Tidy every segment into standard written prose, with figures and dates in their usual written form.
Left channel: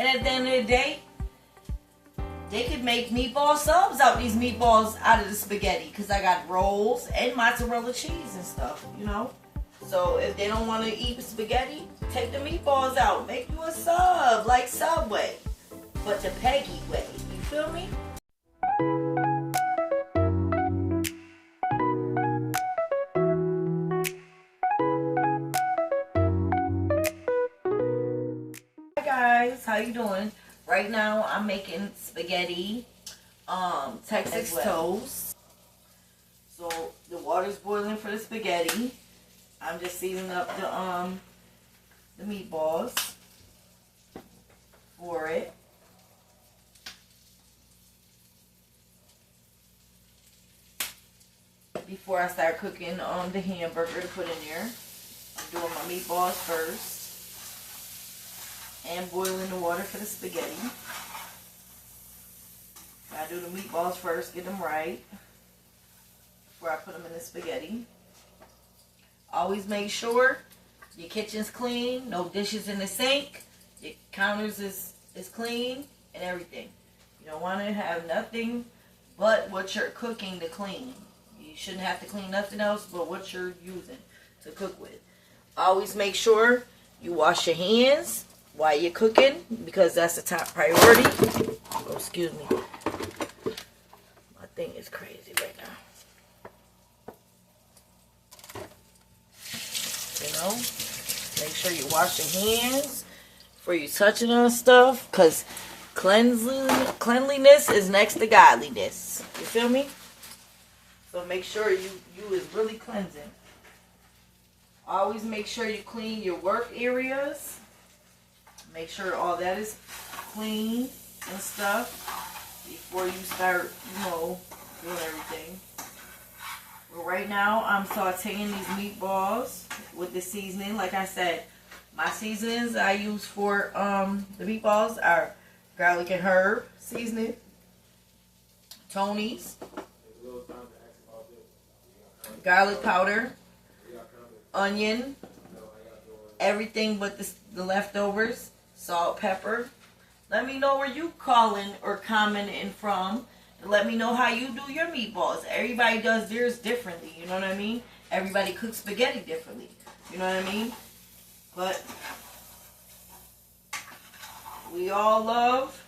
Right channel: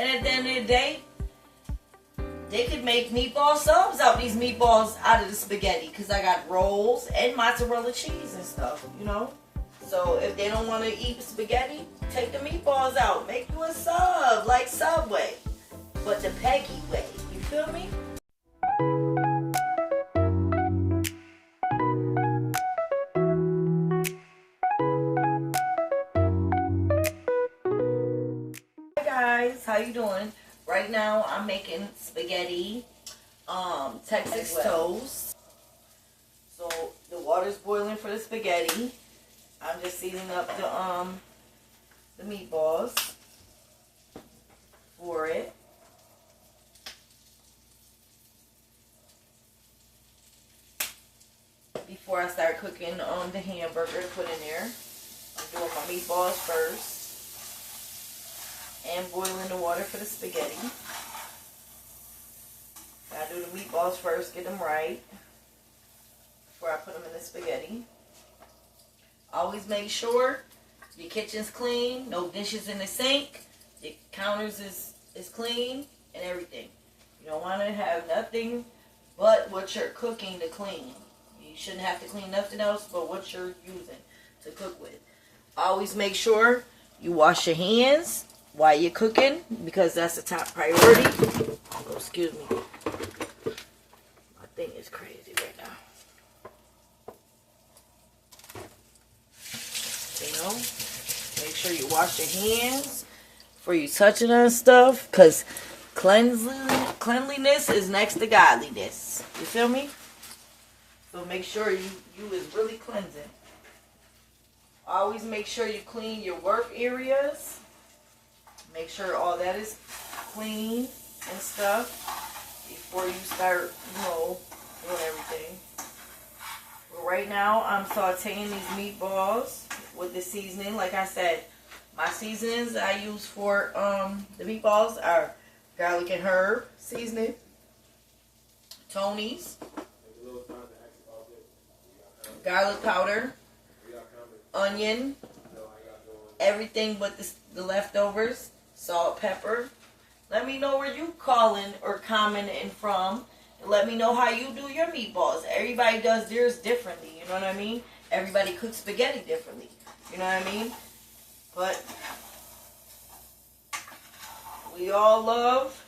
And at the end of the day, they could make meatball subs out these meatballs out of the spaghetti. Because I got rolls and mozzarella cheese and stuff, you know. So if they don't want to eat spaghetti, take the meatballs out. Make you a sub like Subway. But the Peggy way. You feel me? Hi guys, how you doing? Right now I'm making spaghetti, Texas toast. So the water's boiling for the spaghetti. I'm just seasoning up the meatballs for it. Before I start cooking the hamburger to put in there, I'm doing my meatballs first and boiling the water for the spaghetti. I do the meatballs first, get them right before I put them in the spaghetti. Always make sure your kitchen's clean, no dishes in the sink, your counters is clean and everything. You don't want to have nothing but what you're cooking to clean. You shouldn't have to clean nothing else but what you're using to cook with. Always make sure you wash your hands while you're cooking because that's the top priority. Oh, excuse me. My thing is crazy right now. You know, make sure you wash your hands before you touching on stuff, because cleanliness is next to godliness. You feel me? So make sure you is really cleansing. Always make sure you clean your work areas. Make sure all that is clean and stuff before you start, you know, doing everything. But right now I'm sauteing these meatballs with the seasoning. Like I said, my seasonings I use for the meatballs are garlic and herb seasoning, Tony's, garlic powder, onion, everything but the leftovers, salt, pepper. Let me know where you calling or commenting from. And let me know how you do your meatballs. Everybody does theirs differently, you know what I mean? Everybody cooks spaghetti differently, you know what I mean? But we all love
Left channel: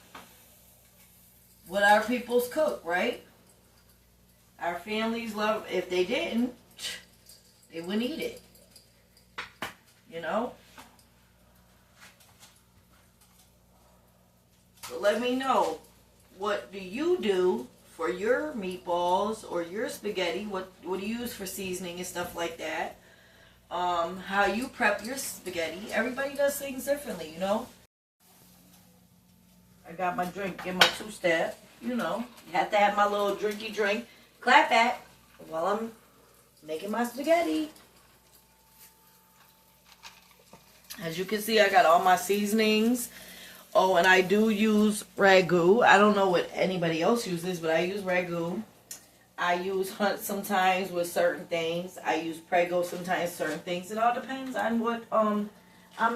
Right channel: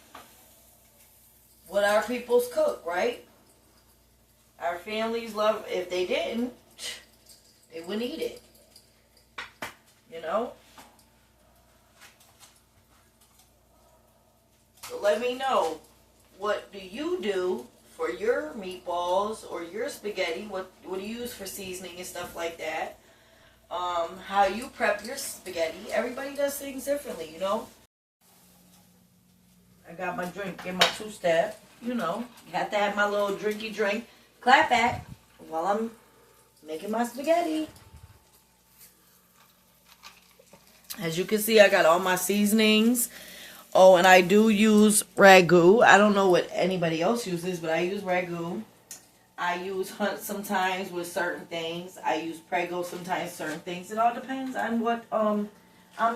what our peoples cook, right? Our families love, if they didn't, they wouldn't eat it, you know? So let me know, what do you do for your meatballs or your spaghetti? What do you use for seasoning and stuff like that? How you prep your spaghetti. Everybody does things differently, you know? I got my drink in my two-step, you know. You have to have my little drinky drink. Clap back while I'm making my spaghetti. As you can see, I got all my seasonings. Oh, and I do use ragu. I don't know what anybody else uses, but I use ragu. I use Hunt sometimes with certain things. I use Prego sometimes certain things. It all depends on what I'm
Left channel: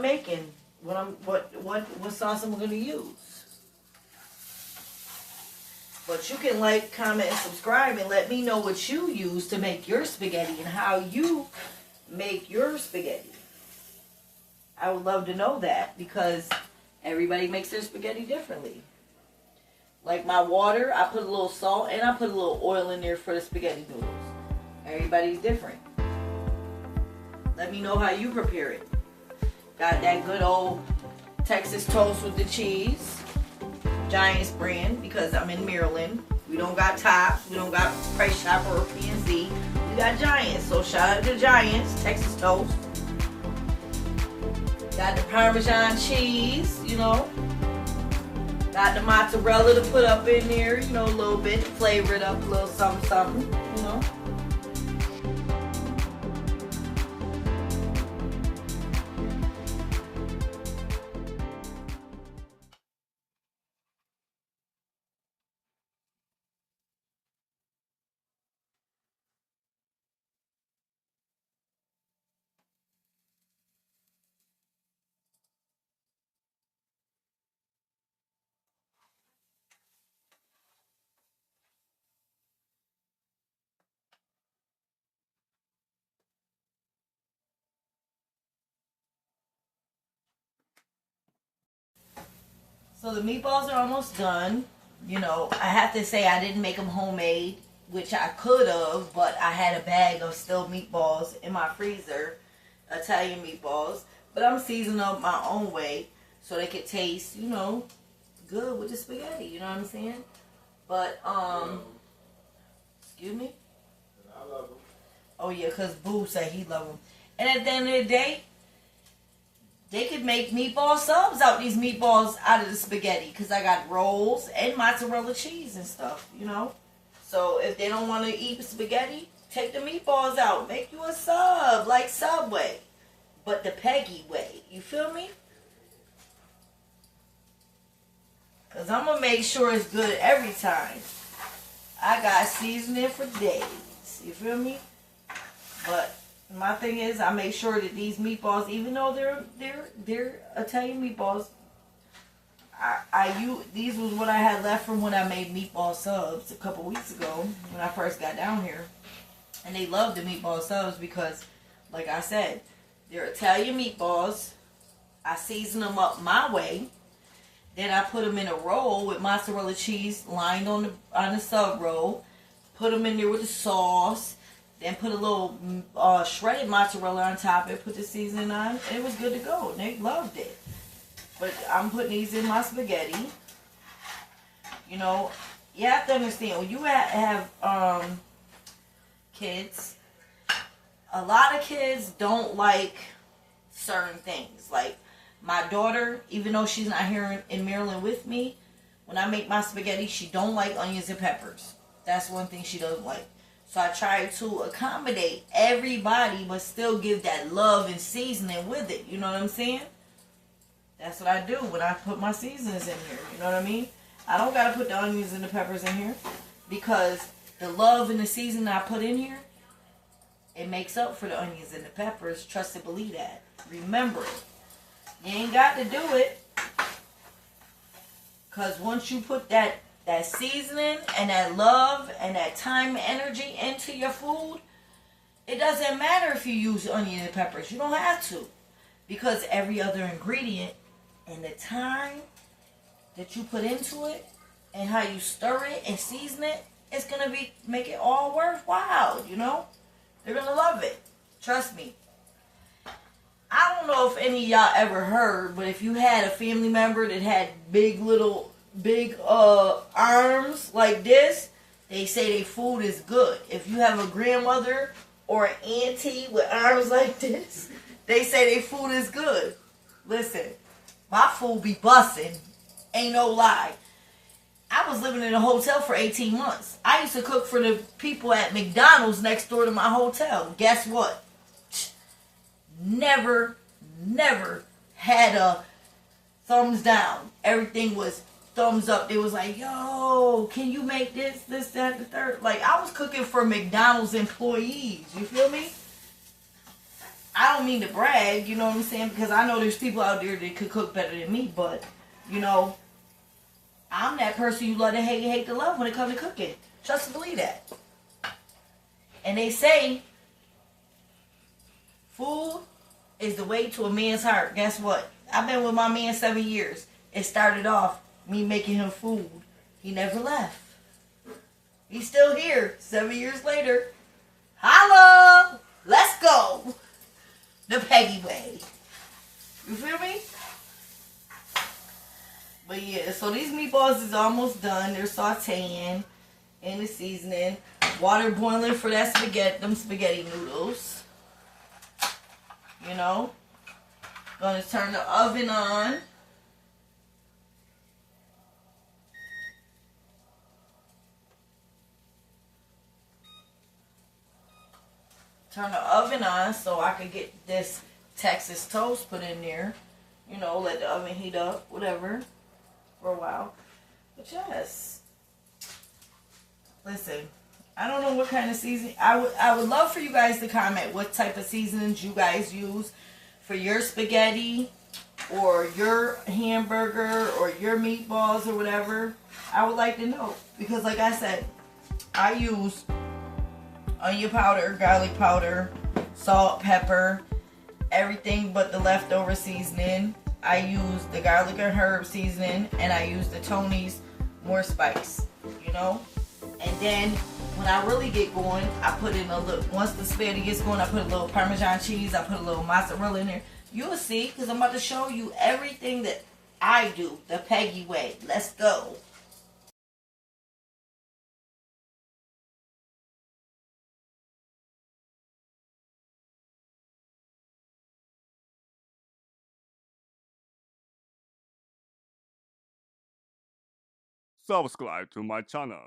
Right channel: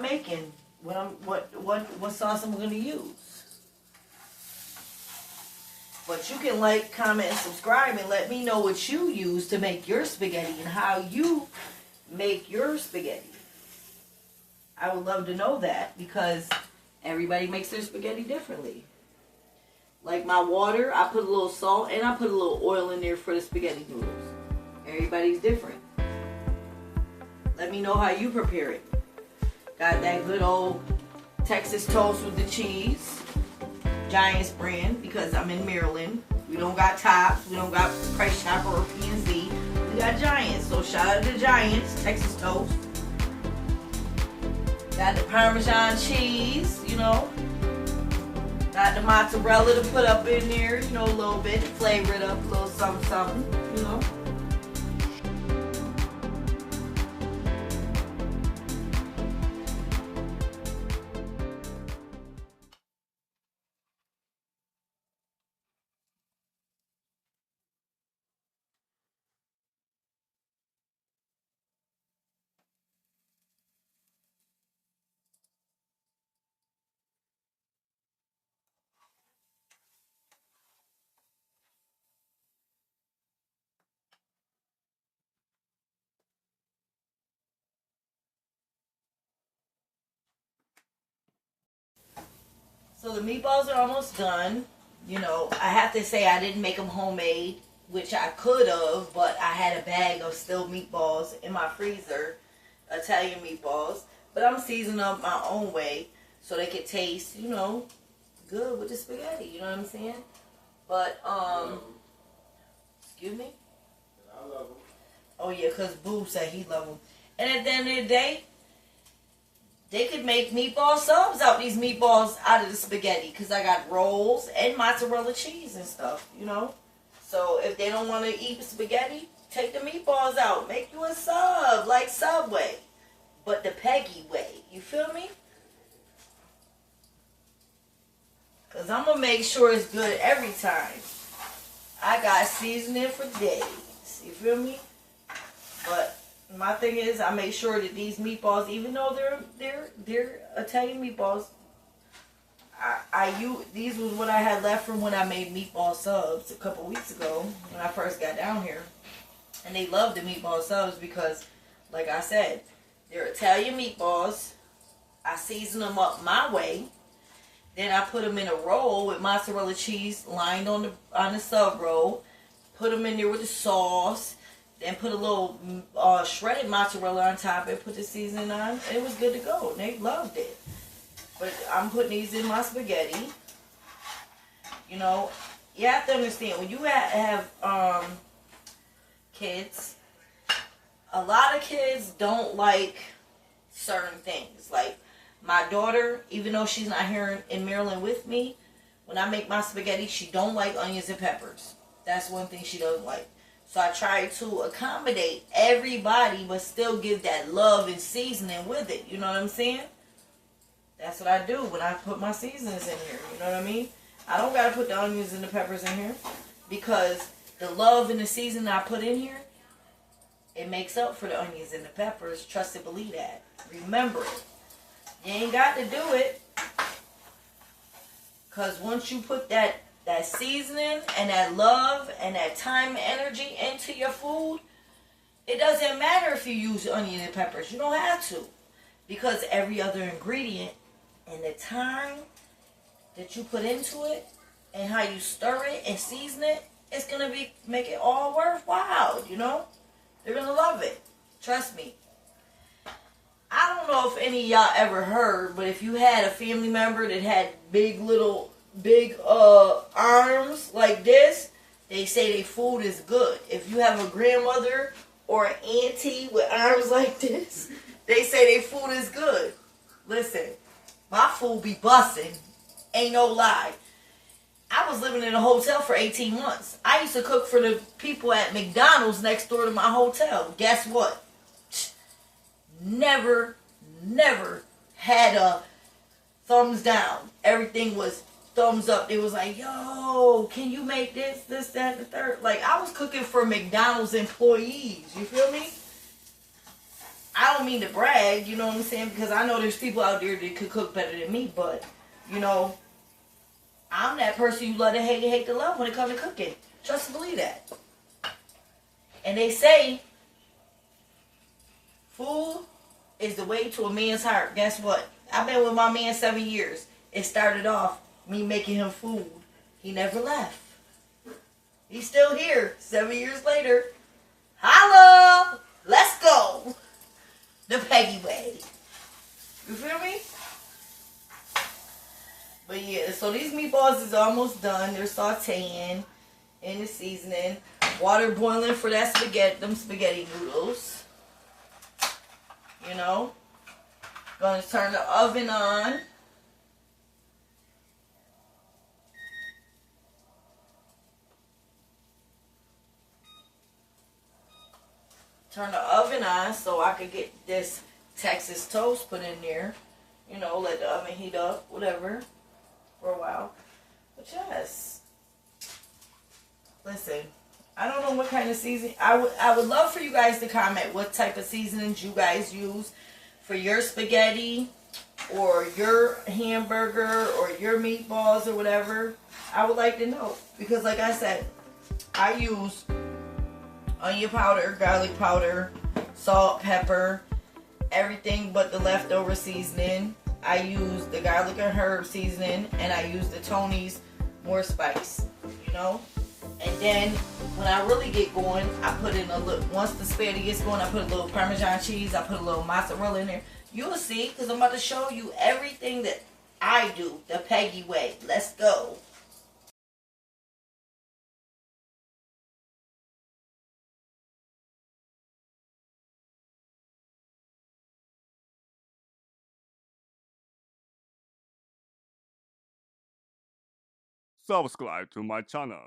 making. What sauce I'm gonna use. But you can like, comment, and subscribe and let me know what you use to make your spaghetti and how you make your spaghetti. I would love to know that because everybody makes their spaghetti differently. Like my water, I put a little salt and I put a little oil in there for the spaghetti noodles. Everybody's different. Let me know how you prepare it. Got that good old Texas toast with the cheese. Giants brand, because I'm in Maryland. We don't got Tops. We don't got Price Chopper or P&Z. We got Giants. So shout out to Giants. Texas toast. Got the Parmesan cheese, you know. Got the mozzarella to put up in there, you know, a little bit to flavor it up, a little something, something, you know. So the meatballs are almost done. You know, I have to say I didn't make them homemade, which I could have, but I had a bag of still meatballs in my freezer, Italian meatballs. But I'm seasoning them my own way so they could taste, you know, good with the spaghetti. You know what I'm saying? But, excuse me? I love them. Oh, yeah, because Boo said he loved them. And at the end of the day, they could make meatball subs out these meatballs out of the spaghetti because I got rolls and mozzarella cheese and stuff, you know. So if they don't want to eat spaghetti, take the meatballs out. Make you a sub like Subway, but the Peggy way. You feel me? Because I'm going to make sure it's good every time. I got seasoning for days. You feel me? But my thing is, I make sure that these meatballs, even though they're Italian meatballs, these was what I had left from when I made meatball subs a couple weeks ago when I first got down here, and they love the meatball subs because, like I said, they're Italian meatballs. I season them up my way, then I put them in a roll with mozzarella cheese lined on the sub roll, put them in there with the sauce. Then put a little shredded mozzarella on top and put the seasoning on. And it was good to go. And they loved it. But I'm putting these in my spaghetti. You know, you have to understand, when you have kids, a lot of kids don't like certain things. Like my daughter, even though she's not here in Maryland with me, when I make my spaghetti, she don't like onions and peppers. That's one thing she doesn't like. So I try to accommodate everybody, but still give that love and seasoning with it. You know what I'm saying? That's what I do when I put my seasonings in here. You know what I mean? I don't got to put the onions and the peppers in here because the love and the seasoning I put in here, it makes up for the onions and the peppers. Trust and believe that. Remember it. You ain't got to do it because once you put that seasoning and that love and that time and energy into your food, it doesn't matter if you use onion and peppers. You don't have to. Because every other ingredient and the time that you put into it and how you stir it and season it, it's going to make it all worthwhile, you know? They're going to love it. Trust me. I don't know if any of y'all ever heard, but if you had a family member that had big arms like this, they say their food is good. If you have a grandmother or an auntie with arms like this, they say their food is good. Listen, my food be busting. Ain't no lie. I was living in a hotel for 18 months. I used to cook for the people at McDonald's next door to my hotel. Guess what? Never had a thumbs down. Everything was thumbs up. They was like, yo, can you make this, that, the third? Like, I was cooking for McDonald's employees. You feel me? I don't mean to brag, you know what I'm saying? Because I know there's people out there that could cook better than me. But, you know, I'm that person you love to hate to love when it comes to cooking. Just believe that. And they say food is the way to a man's heart. Guess what? I've been with my man 7 years. It started off me making him food. He never left. He's still here 7 years later. Holla! Let's go! The Peggy way. You feel me? But yeah, so these meatballs is almost done. They're sauteing in the seasoning. Water boiling for that them spaghetti noodles. You know? Gonna turn the oven on. Turn the oven on so I could get this Texas toast put in there. You know, let the oven heat up, whatever, for a while. But yes. Listen, I don't know what kind of seasoning. I would love for you guys to comment what type of seasonings you guys use for your spaghetti or your hamburger or your meatballs or whatever. I would like to know. Because like I said, I use onion powder, garlic powder, salt, pepper, everything but the leftover seasoning. I use the garlic and herb seasoning, and I use the Tony's more spice, you know. And then when I really get going, I put in a little, once the spaghetti gets going, I put a little Parmesan cheese, I put a little mozzarella in there. You'll see, because I'm about to show you everything that I do the Peggy way. Let's go. Subscribe to my channel.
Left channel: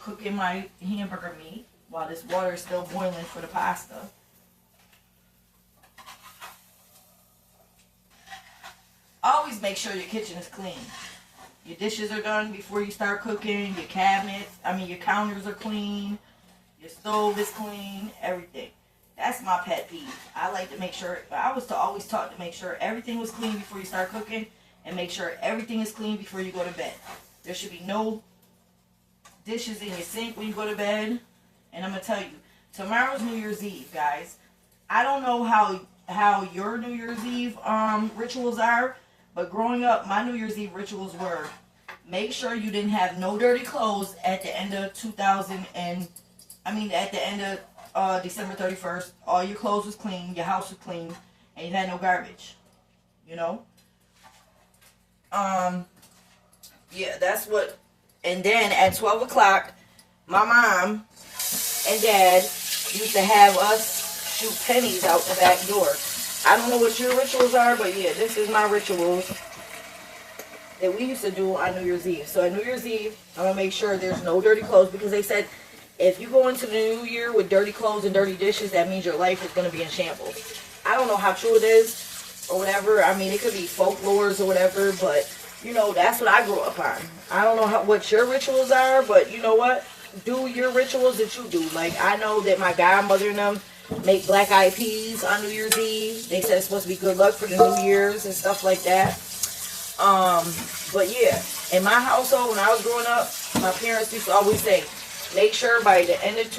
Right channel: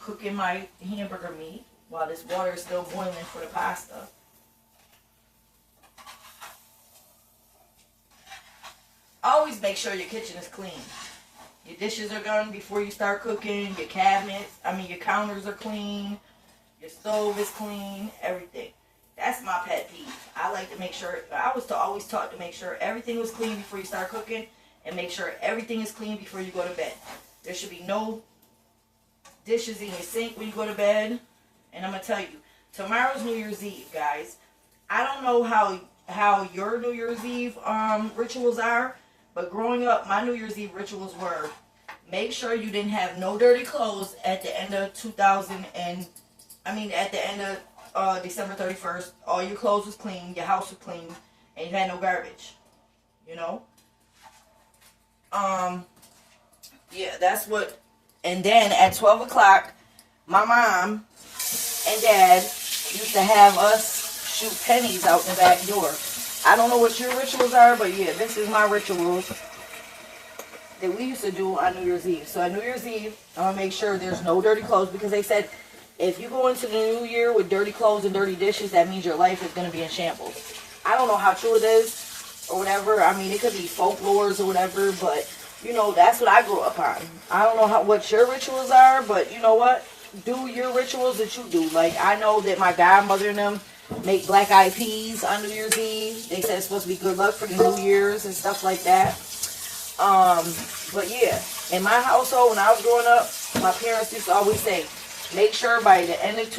Cooking my hamburger meat while this water is still boiling for the pasta. Always make sure your kitchen is clean. Your dishes are done before you start cooking. Your your counters are clean. Your stove is clean. Everything. That's my pet peeve. I like to make sure, I was always taught to make sure everything was clean before you start cooking, and make sure everything is clean before you go to bed. There should be no dishes in your sink when you go to bed. And I'm going to tell you, tomorrow's New Year's Eve, guys. I don't know how your New Year's Eve rituals are, but growing up, my New Year's Eve rituals were make sure you didn't have no dirty clothes at the end of at the end of December 31st. All your clothes was clean, your house was clean, and you had no garbage. You know? Yeah, that's what. And then at 12 o'clock, my mom and dad used to have us shoot pennies out the back door. I don't know what your rituals are, but yeah, this is my rituals that we used to do on New Year's Eve. So on New Year's Eve, I want to make sure there's no dirty clothes, because they said if you go into the new year with dirty clothes and dirty dishes, that means your life is going to be in shambles. I don't know how true it is or whatever. I mean, it could be folklores or whatever, but you know, that's what I grew up on. I don't know what your rituals are, but you know what? Do your rituals that you do. Like, I know that my godmother and them make black-eyed peas on New Year's Eve. They said it's supposed to be good luck for the New Year's and stuff like that. But yeah, in my household, when I was growing up, my parents used to always say, make sure by the end of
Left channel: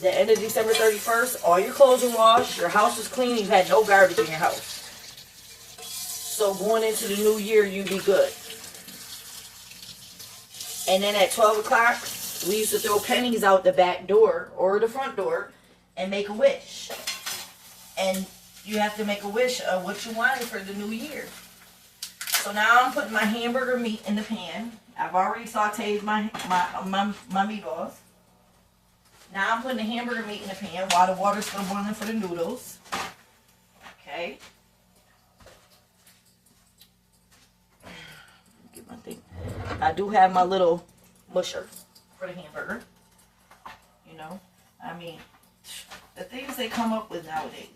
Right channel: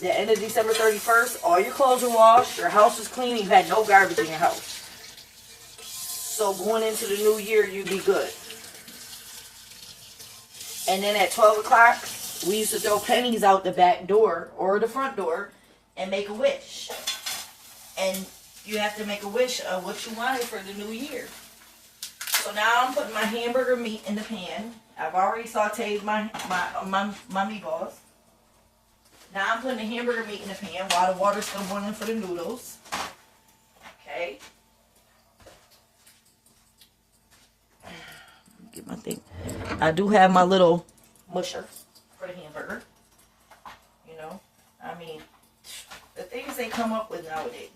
the end of December 31st, all your clothes are washed, your house is clean, you've had no garbage in your house. So going into the new year, you be good. And then at 12 o'clock, we used to throw pennies out the back door or the front door and make a wish. And you have to make a wish of what you wanted for the new year. So now I'm putting my hamburger meat in the pan. I've already sauteed my meatballs. Now I'm putting the hamburger meat in the pan while the water's still boiling for the noodles. Okay. Get my thing. I do have my little musher for the hamburger. You know, I mean, the things they come up with nowadays.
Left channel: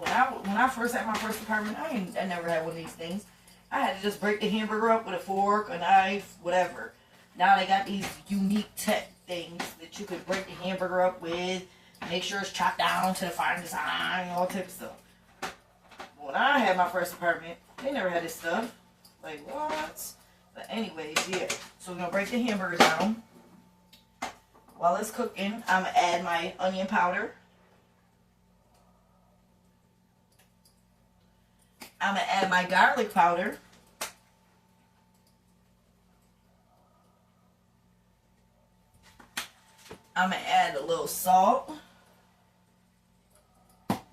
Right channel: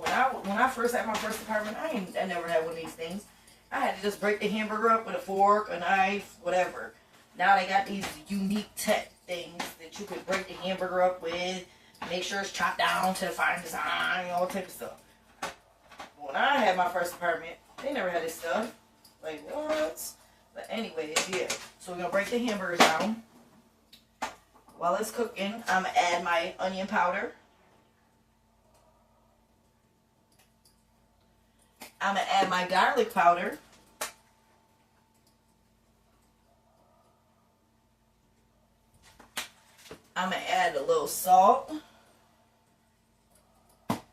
When I first had my first apartment, I never had one of these things. I had to just break the hamburger up with a fork, a knife, whatever. Now they got these unique tech things that you could break the hamburger up with, make sure it's chopped down to the fine design, all type of stuff. When I had my first apartment, they never had this stuff. Like, what? But anyways, yeah. So we're going to break the hamburger down. While it's cooking, I'm going to add my onion powder. I'm going to add my garlic powder. I'm going to add a little salt.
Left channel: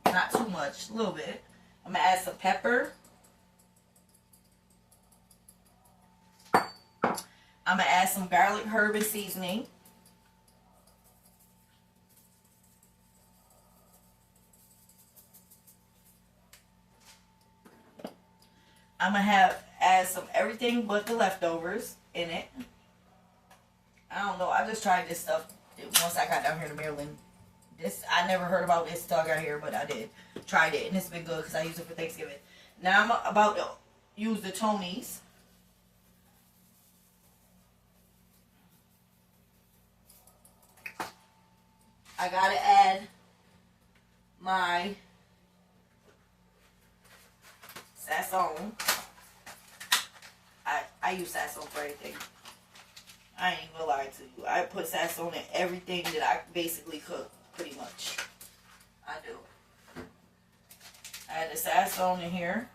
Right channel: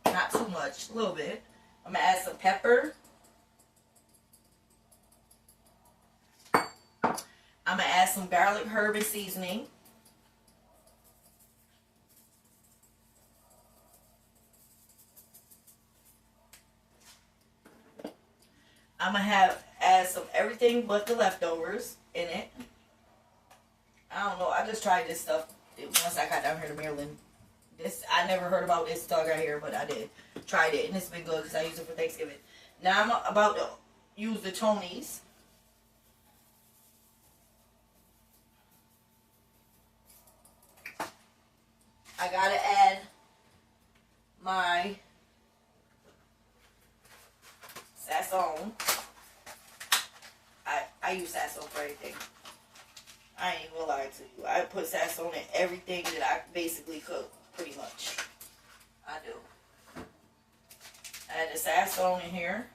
Not too much, a little bit. I'm going to add some pepper. I'm going to add some garlic, herb, and seasoning. I'm going to add some everything but the leftovers in it. I don't know. I just tried this stuff once I got down here to Maryland. I never heard about this until I got here, but I did. Tried it, and it's been good because I used it for Thanksgiving. Now I'm about to use the Tony's. I gotta add my sazon. I use sazon for everything. I ain't gonna lie to you. I put sazon in everything that I basically cook, pretty much. I do. I add the sazon in here.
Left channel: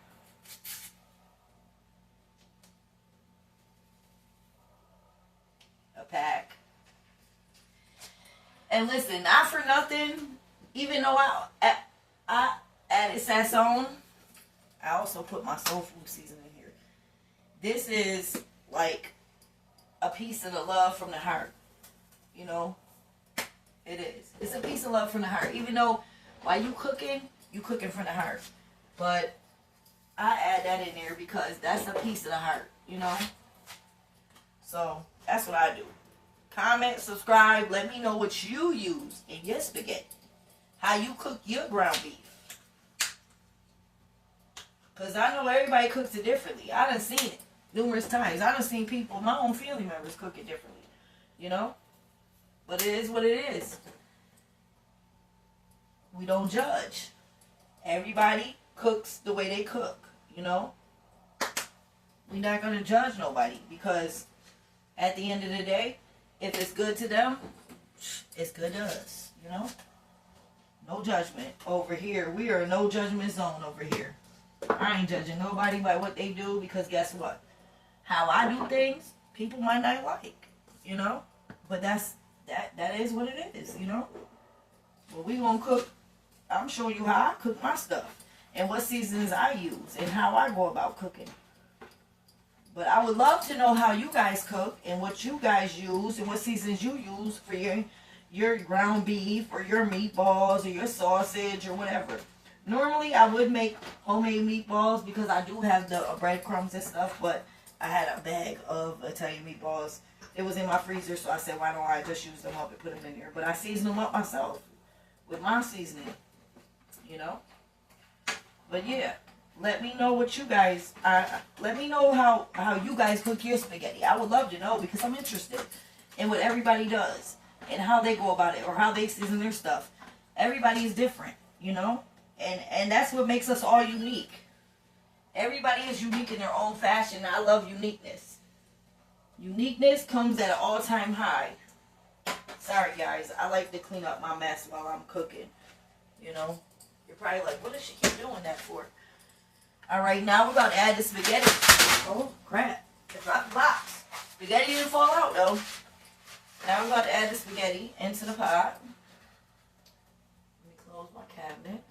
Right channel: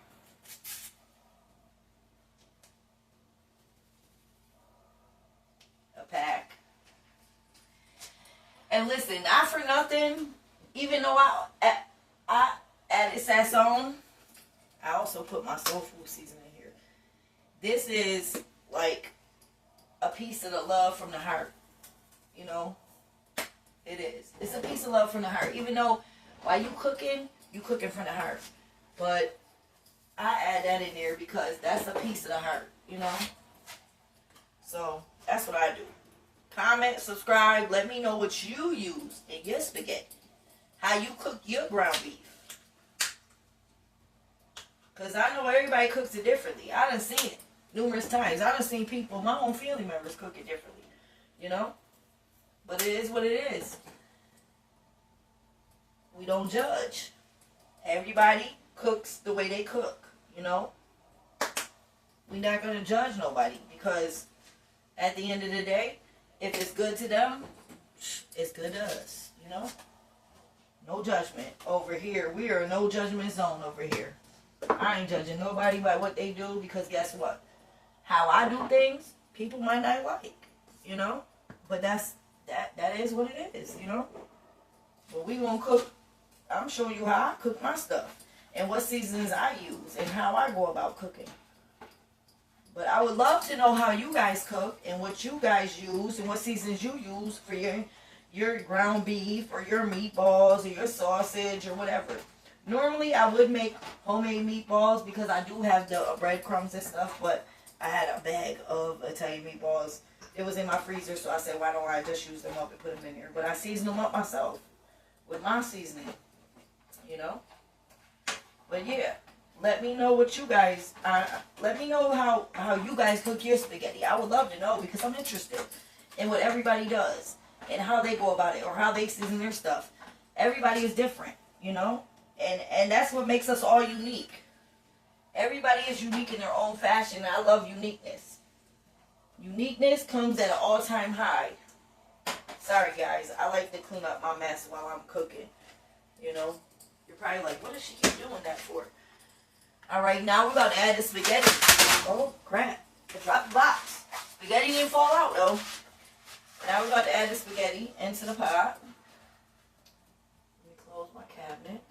A pack. And listen, not for nothing, even though I added sazon, I also put my soul food seasoning here. This is like a piece of the love from the heart. You know? It is. It's a piece of love from the heart. Even though while you cooking from the heart. But I add that in there because that's a piece of the heart, you know? So that's what I do. Comment, subscribe, let me know what you use in your spaghetti. How you cook your ground beef. Because I know everybody cooks it differently. I done seen it numerous times. I done seen people, my own family members, cook it differently. You know? But it is what it is. We don't judge. Everybody cooks the way they cook. You know? We're not going to judge nobody. Because at the end of the day, if it's good to them, it's good to us. You know? No judgment over here. We are a no judgment zone over here. I ain't judging nobody by what they do, because guess what? How I do things, people might not like, you know? But that is what it is, you know? But we gonna cook. I'm showing you how I cook my stuff and what seasons I use and how I go about cooking. But I would love to know how you guys cook and what you guys use and what seasons you use for your ground beef or your meatballs or your sausage or whatever. Normally, I would make homemade meatballs because I do have the breadcrumbs and stuff, but I had a bag of Italian meatballs. It was in my freezer, so I said, why don't I just use them up and put them in here? But I season them up myself with my seasoning, you know? But yeah, let me know what you guys, let me know how you guys cook your spaghetti. I would love to know because I'm interested in what everybody does and how they go about it or how they season their stuff. Everybody is different, you know? And that's what makes us all unique. Everybody is unique in their own fashion. I love uniqueness. Uniqueness comes at an all-time high. Sorry, guys. I like to clean up my mess while I'm cooking. You know? You're probably like, what does she keep doing that for? All right, now we're going to add the spaghetti. Oh, crap. It dropped the box. Spaghetti didn't fall out, though. Now we're going to add the spaghetti into the pot. Let me close my cabinet.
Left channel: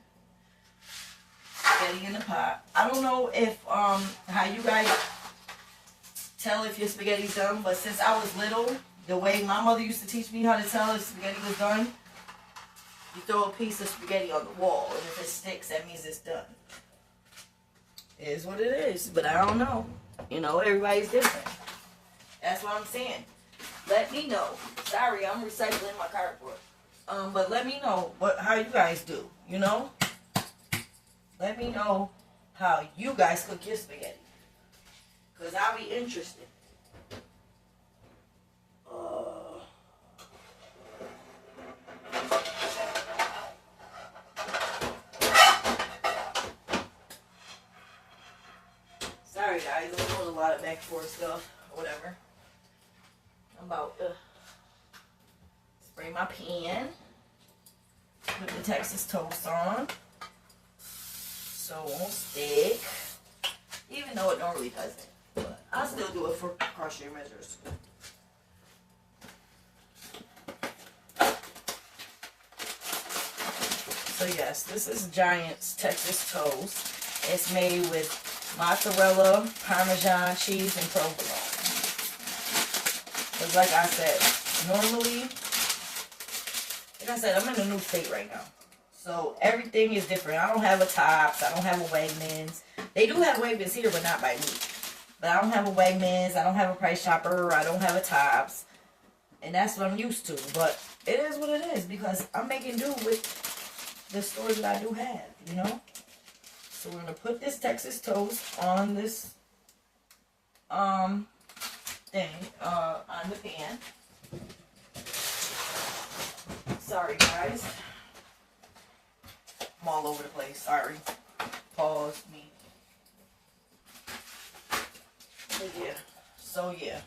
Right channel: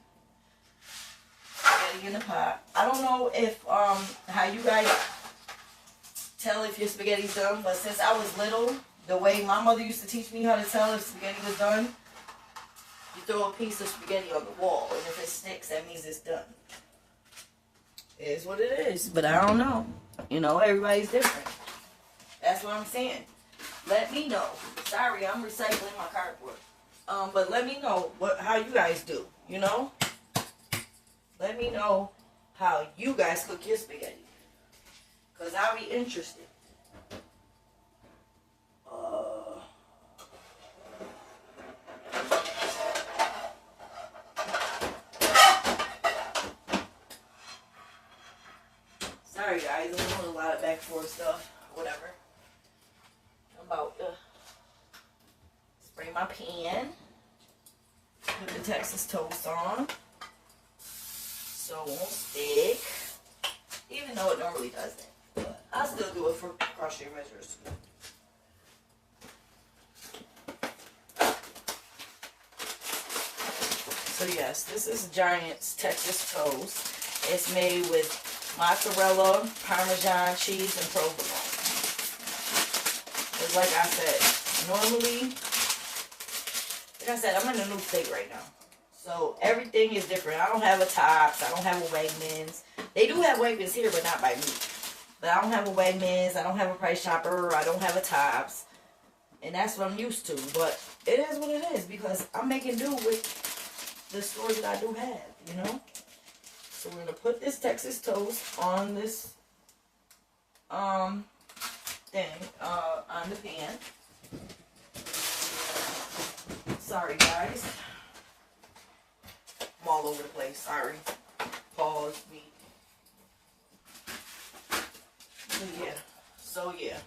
Spaghetti in the pot. I don't know if how you guys tell if your spaghetti's done, but since I was little, the way my mother used to teach me how to tell if spaghetti was done, you throw a piece of spaghetti on the wall, and if it sticks, that means it's done. It is what it is, but I don't know. You know, everybody's different. That's what I'm saying. Let me know. Sorry, I'm recycling my cardboard. But let me know how you guys do. You know. Let me know how you guys cook your spaghetti. Because I'll be interested. Sorry guys, I'm doing a lot of back and forth stuff. Whatever. I'm about to spray my pan. Put the Texas toast on. So it won't stick, even though it normally doesn't. But I still do it for crochet measures. So yes, this is Giant's Texas Toast. It's made with mozzarella, Parmesan cheese, and provolone. Because like I said, normally, like I said, I'm in a new state right now. So everything is different. I don't have a Tops. I don't have a Wegmans. They do have Wegmans here, but not by me. But I don't have a Wegmans. I don't have a Price Chopper. I don't have a Tops. And that's what I'm used to. But it is what it is because I'm making do with the stores that I do have, you know? So we're going to put this Texas Toast on this thing, on the pan. Sorry, guys. I'm all over the place. Sorry. Pause me. Yeah. So, yeah.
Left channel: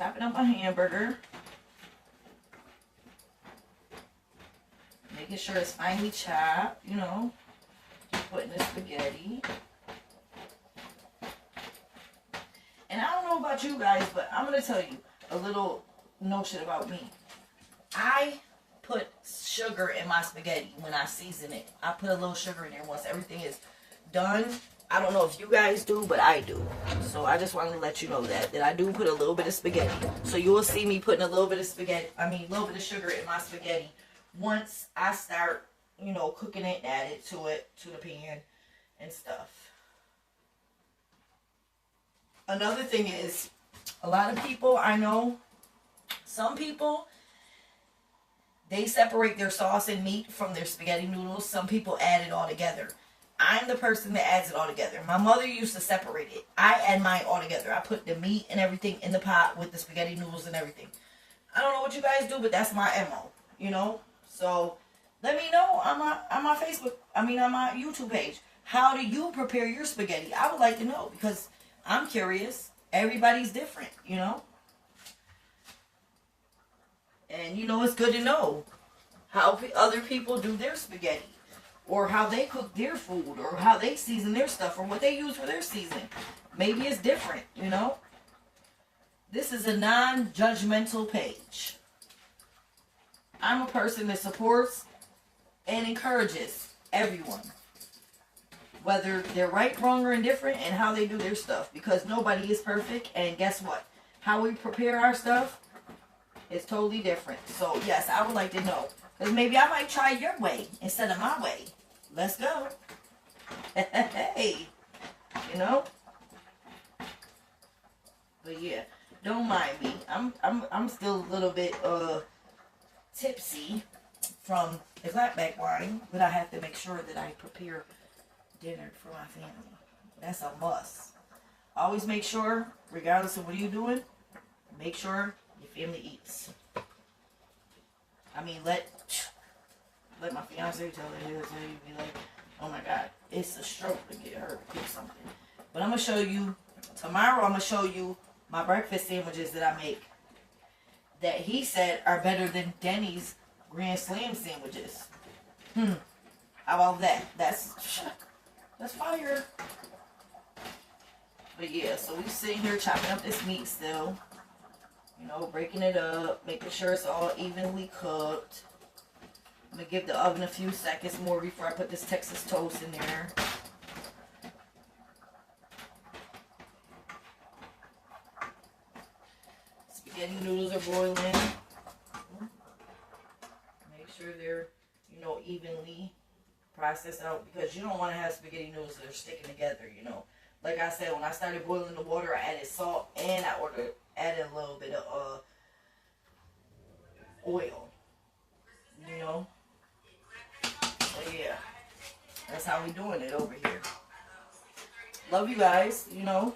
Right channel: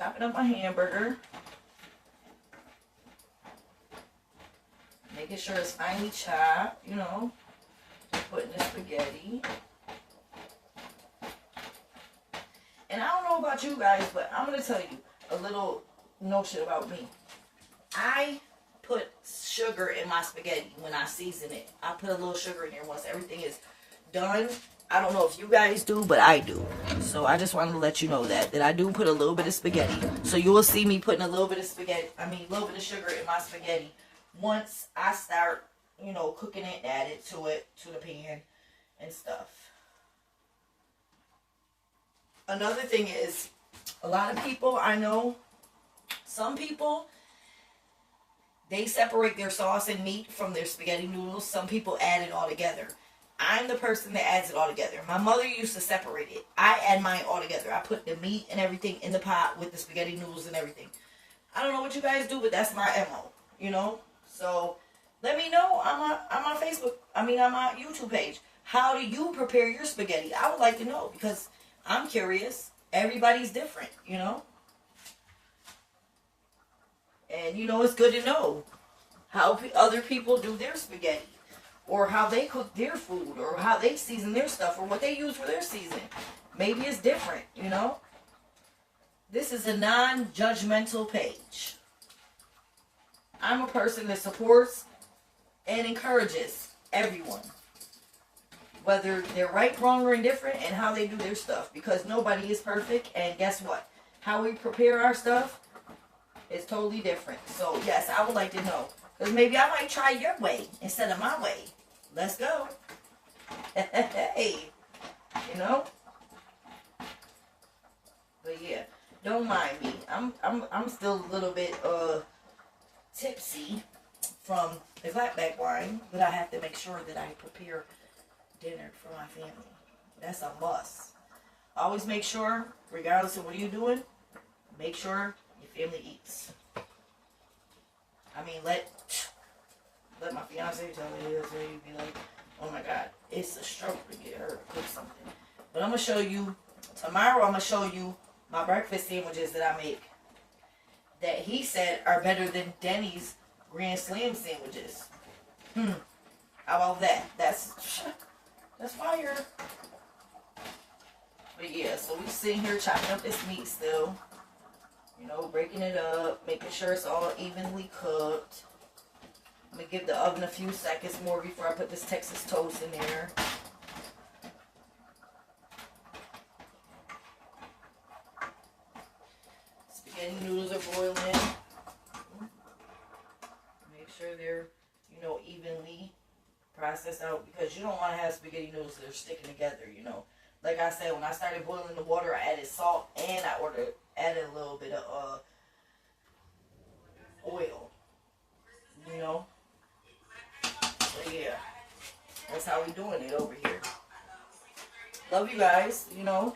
chopping up my hamburger. Making sure it's finely chopped, you know. Putting the spaghetti. And I don't know about you guys, but I'm going to tell you a little notion about me. I put sugar in my spaghetti when I season it. I put a little sugar in there once everything is done. I don't know if you guys do, but I do. So I just wanted to let you know that I do put a little bit of spaghetti. So you will see me putting a little bit of a little bit of sugar in my spaghetti once I start, you know, cooking it, add it to the pan and stuff. Another thing is, a lot of people I know, some people, they separate their sauce and meat from their spaghetti noodles. Some people add it all together. I'm the person that adds it all together. My mother used to separate it. I add mine all together. I put the meat and everything in the pot with the spaghetti noodles and everything. I don't know what you guys do, but that's my MO, you know? So let me know on my Facebook, on my YouTube page. How do you prepare your spaghetti? I would like to know because I'm curious. Everybody's different, you know? And, you know, it's good to know how other people do their spaghetti. Or how they cook their food. Or how they season their stuff. Or what they use for their seasoning. Maybe it's different, you know? This is a non-judgmental page. I'm a person that supports and encourages everyone. Whether they're right, wrong, or indifferent. And how they do their stuff. Because nobody is perfect. And guess what? How we prepare our stuff. It's totally different. So, yes, I would like to know. Because maybe I might try your way instead of my way. Let's go. Hey. You know? But, yeah. Don't mind me. I'm still a little bit tipsy from the flatback wine. But I have to make sure that I prepare dinner for my family. That's a must. Always make sure, regardless of what you're doing, make sure your family eats. I mean, let my fiance tell you, be like, oh my God, it's a struggle to get her to cook something. But I'm going to show you, tomorrow I'm going to show you my breakfast sandwiches that I make. That he said are better than Denny's Grand Slam sandwiches. How about that? That's fire. But yeah, so we sitting here chopping up this meat still. You know, breaking it up, making sure it's all evenly cooked. I'm going to give the oven a few seconds more before I put this Texas toast in there. Spaghetti noodles are boiling. Make sure they're, you know, evenly processed out because you don't want to have spaghetti noodles that are sticking together, you know. Like I said, when I started boiling the water, I added salt and I added a little bit of oil, you know. So yeah, that's how we doing it over here. Love you guys, you know.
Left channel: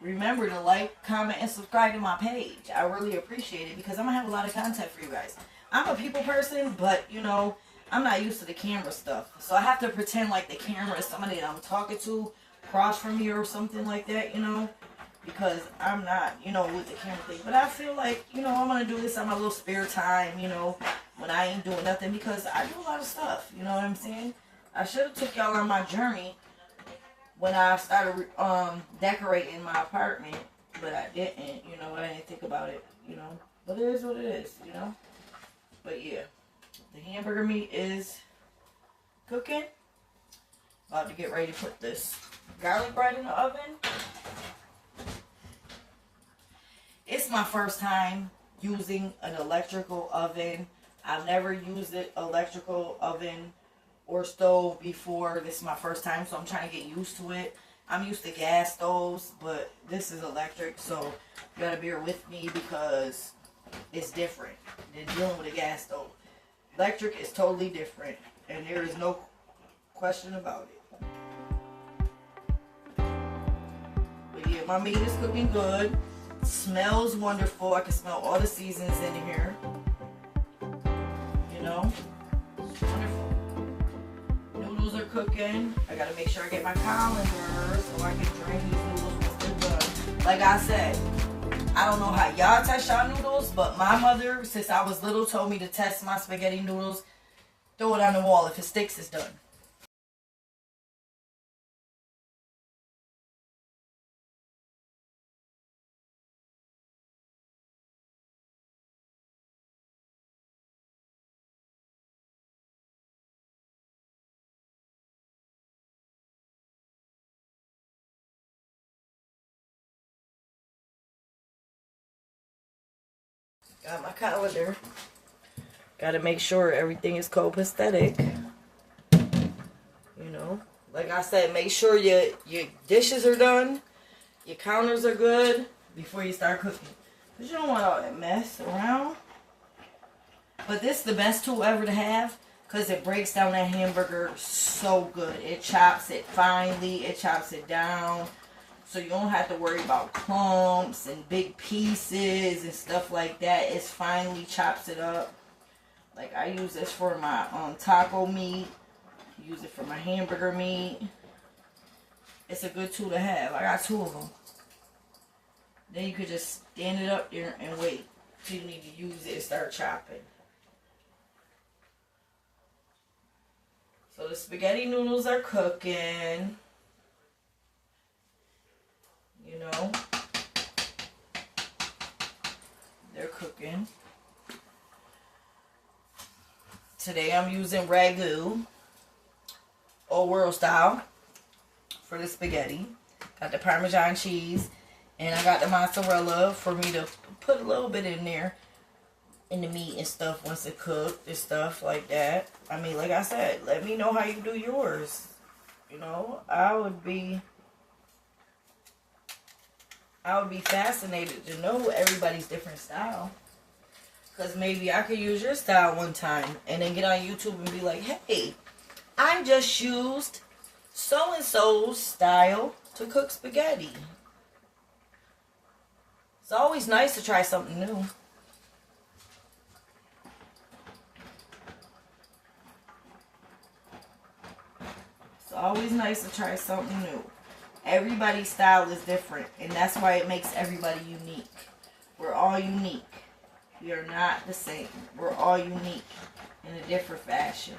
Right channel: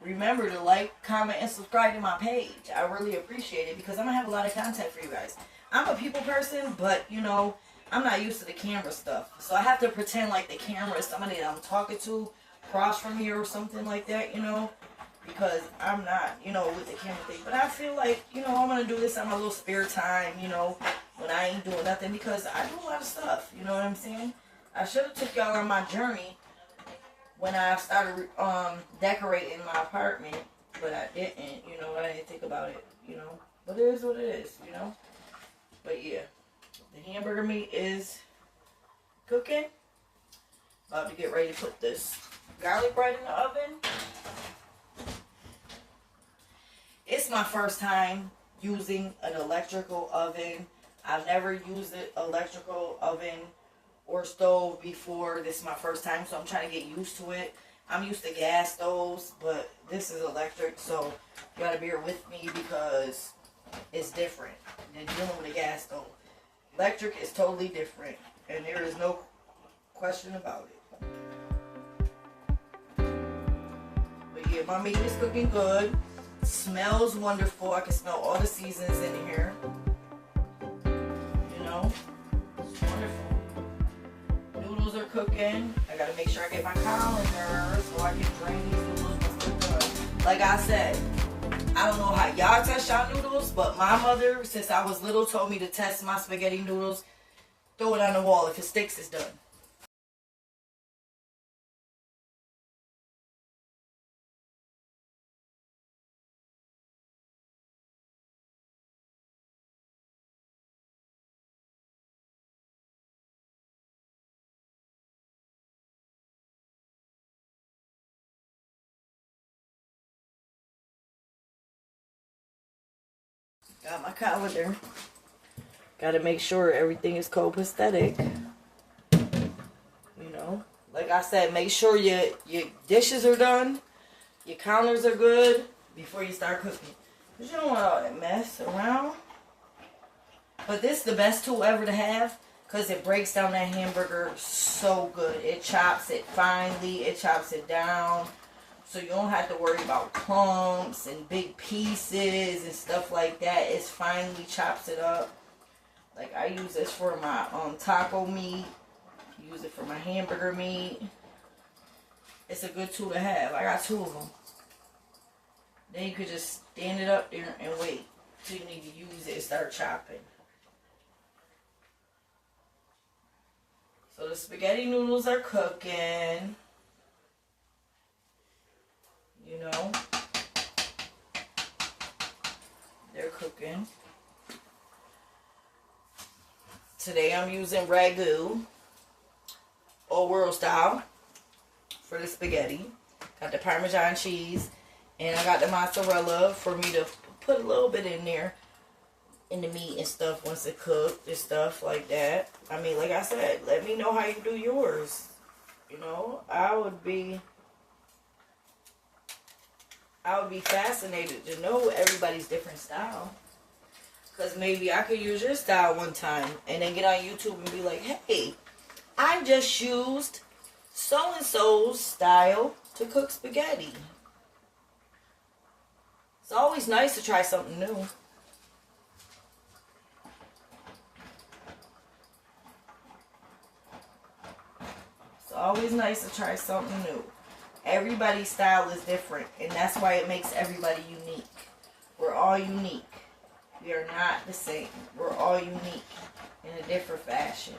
Remember to like, comment, and subscribe to my page. I really appreciate it because I'm going to have a lot of content for you guys. I'm a people person, but, you know, I'm not used to the camera stuff. So I have to pretend like the camera is somebody that I'm talking to across from me or something like that, you know. Because I'm not, you know, with the camera thing. But I feel like, you know, I'm going to do this on my little spare time, you know, when I ain't doing nothing. Because I do a lot of stuff, you know what I'm saying? I should have took y'all on my journey when I started decorating my apartment. But I didn't, you know, I didn't think about it, you know. But it is what it is, you know. But yeah, the hamburger meat is cooking. About to get ready to put this garlic bread in the oven. It's my first time using an electrical oven. I've never used an electrical oven or stove before. This is my first time, so I'm trying to get used to it. I'm used to gas stoves, but this is electric, so you gotta bear with me because it's different than dealing with a gas stove. Electric is totally different, and there is no question about it. But yeah, my meat is cooking good. Smells wonderful. I can smell all the seasons in here. You know, it's wonderful. Noodles are cooking. I gotta make sure I get my colander so I can drain these noodles before done. Like I said, I don't know how y'all test y'all noodles, but my mother, since I was little, told me to test my spaghetti noodles. Throw it on the wall. If it sticks, it's done. Got my calendar. Got to make sure everything is copacetic. You know, like I said, make sure your dishes are done, your counters are good before you start cooking. Because you don't want all that mess around. But this is the best tool ever to have because it breaks down that hamburger so good. It chops it finely. It chops it down. So you don't have to worry about clumps and big pieces and stuff like that. It finely chops it up. Like I use this for my taco meat. Use it for my hamburger meat. It's a good tool to have. I got 2 of them. Then you could just stand it up there and wait till you need to use it and start chopping. So the spaghetti noodles are cooking. You know, they're cooking. Today I'm using ragu, old world style, for the spaghetti. Got the Parmesan cheese, and I got the mozzarella for me to put a little bit in there, in the meat and stuff once it cooked and stuff like that. I mean, like I said, let me know how you do yours. You know, I would be fascinated to know everybody's different style. Because maybe I could use your style one time and then get on YouTube and be like, hey, I just used so-and-so's style to cook spaghetti. It's always nice to try something new. It's always nice to try something new. Everybody's style is different, and that's why it makes everybody unique. We're all unique. We are not the same. We're all unique in a different fashion.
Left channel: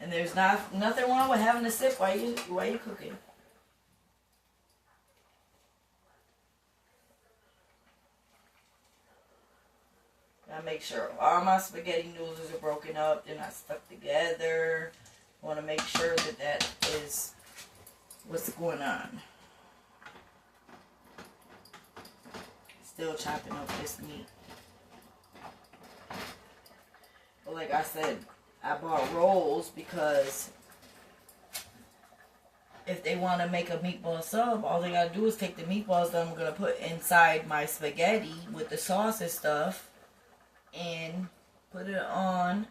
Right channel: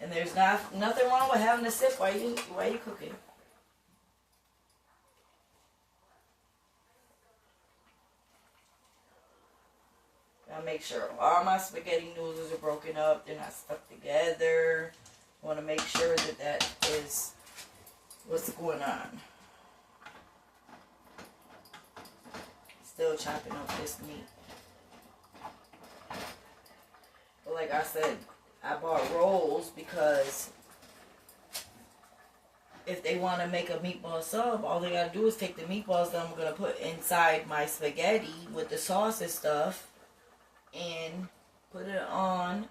And there's nothing wrong with having a sip while you cooking. Gotta make sure all my spaghetti noodles are broken up. They're not stuck together. I want to make sure that is what's going on. Still chopping up this meat. But like I said, I bought rolls because if they want to make a meatball sub, all they gotta do is take the meatballs that I'm gonna put inside my spaghetti with the sauce and stuff and put it on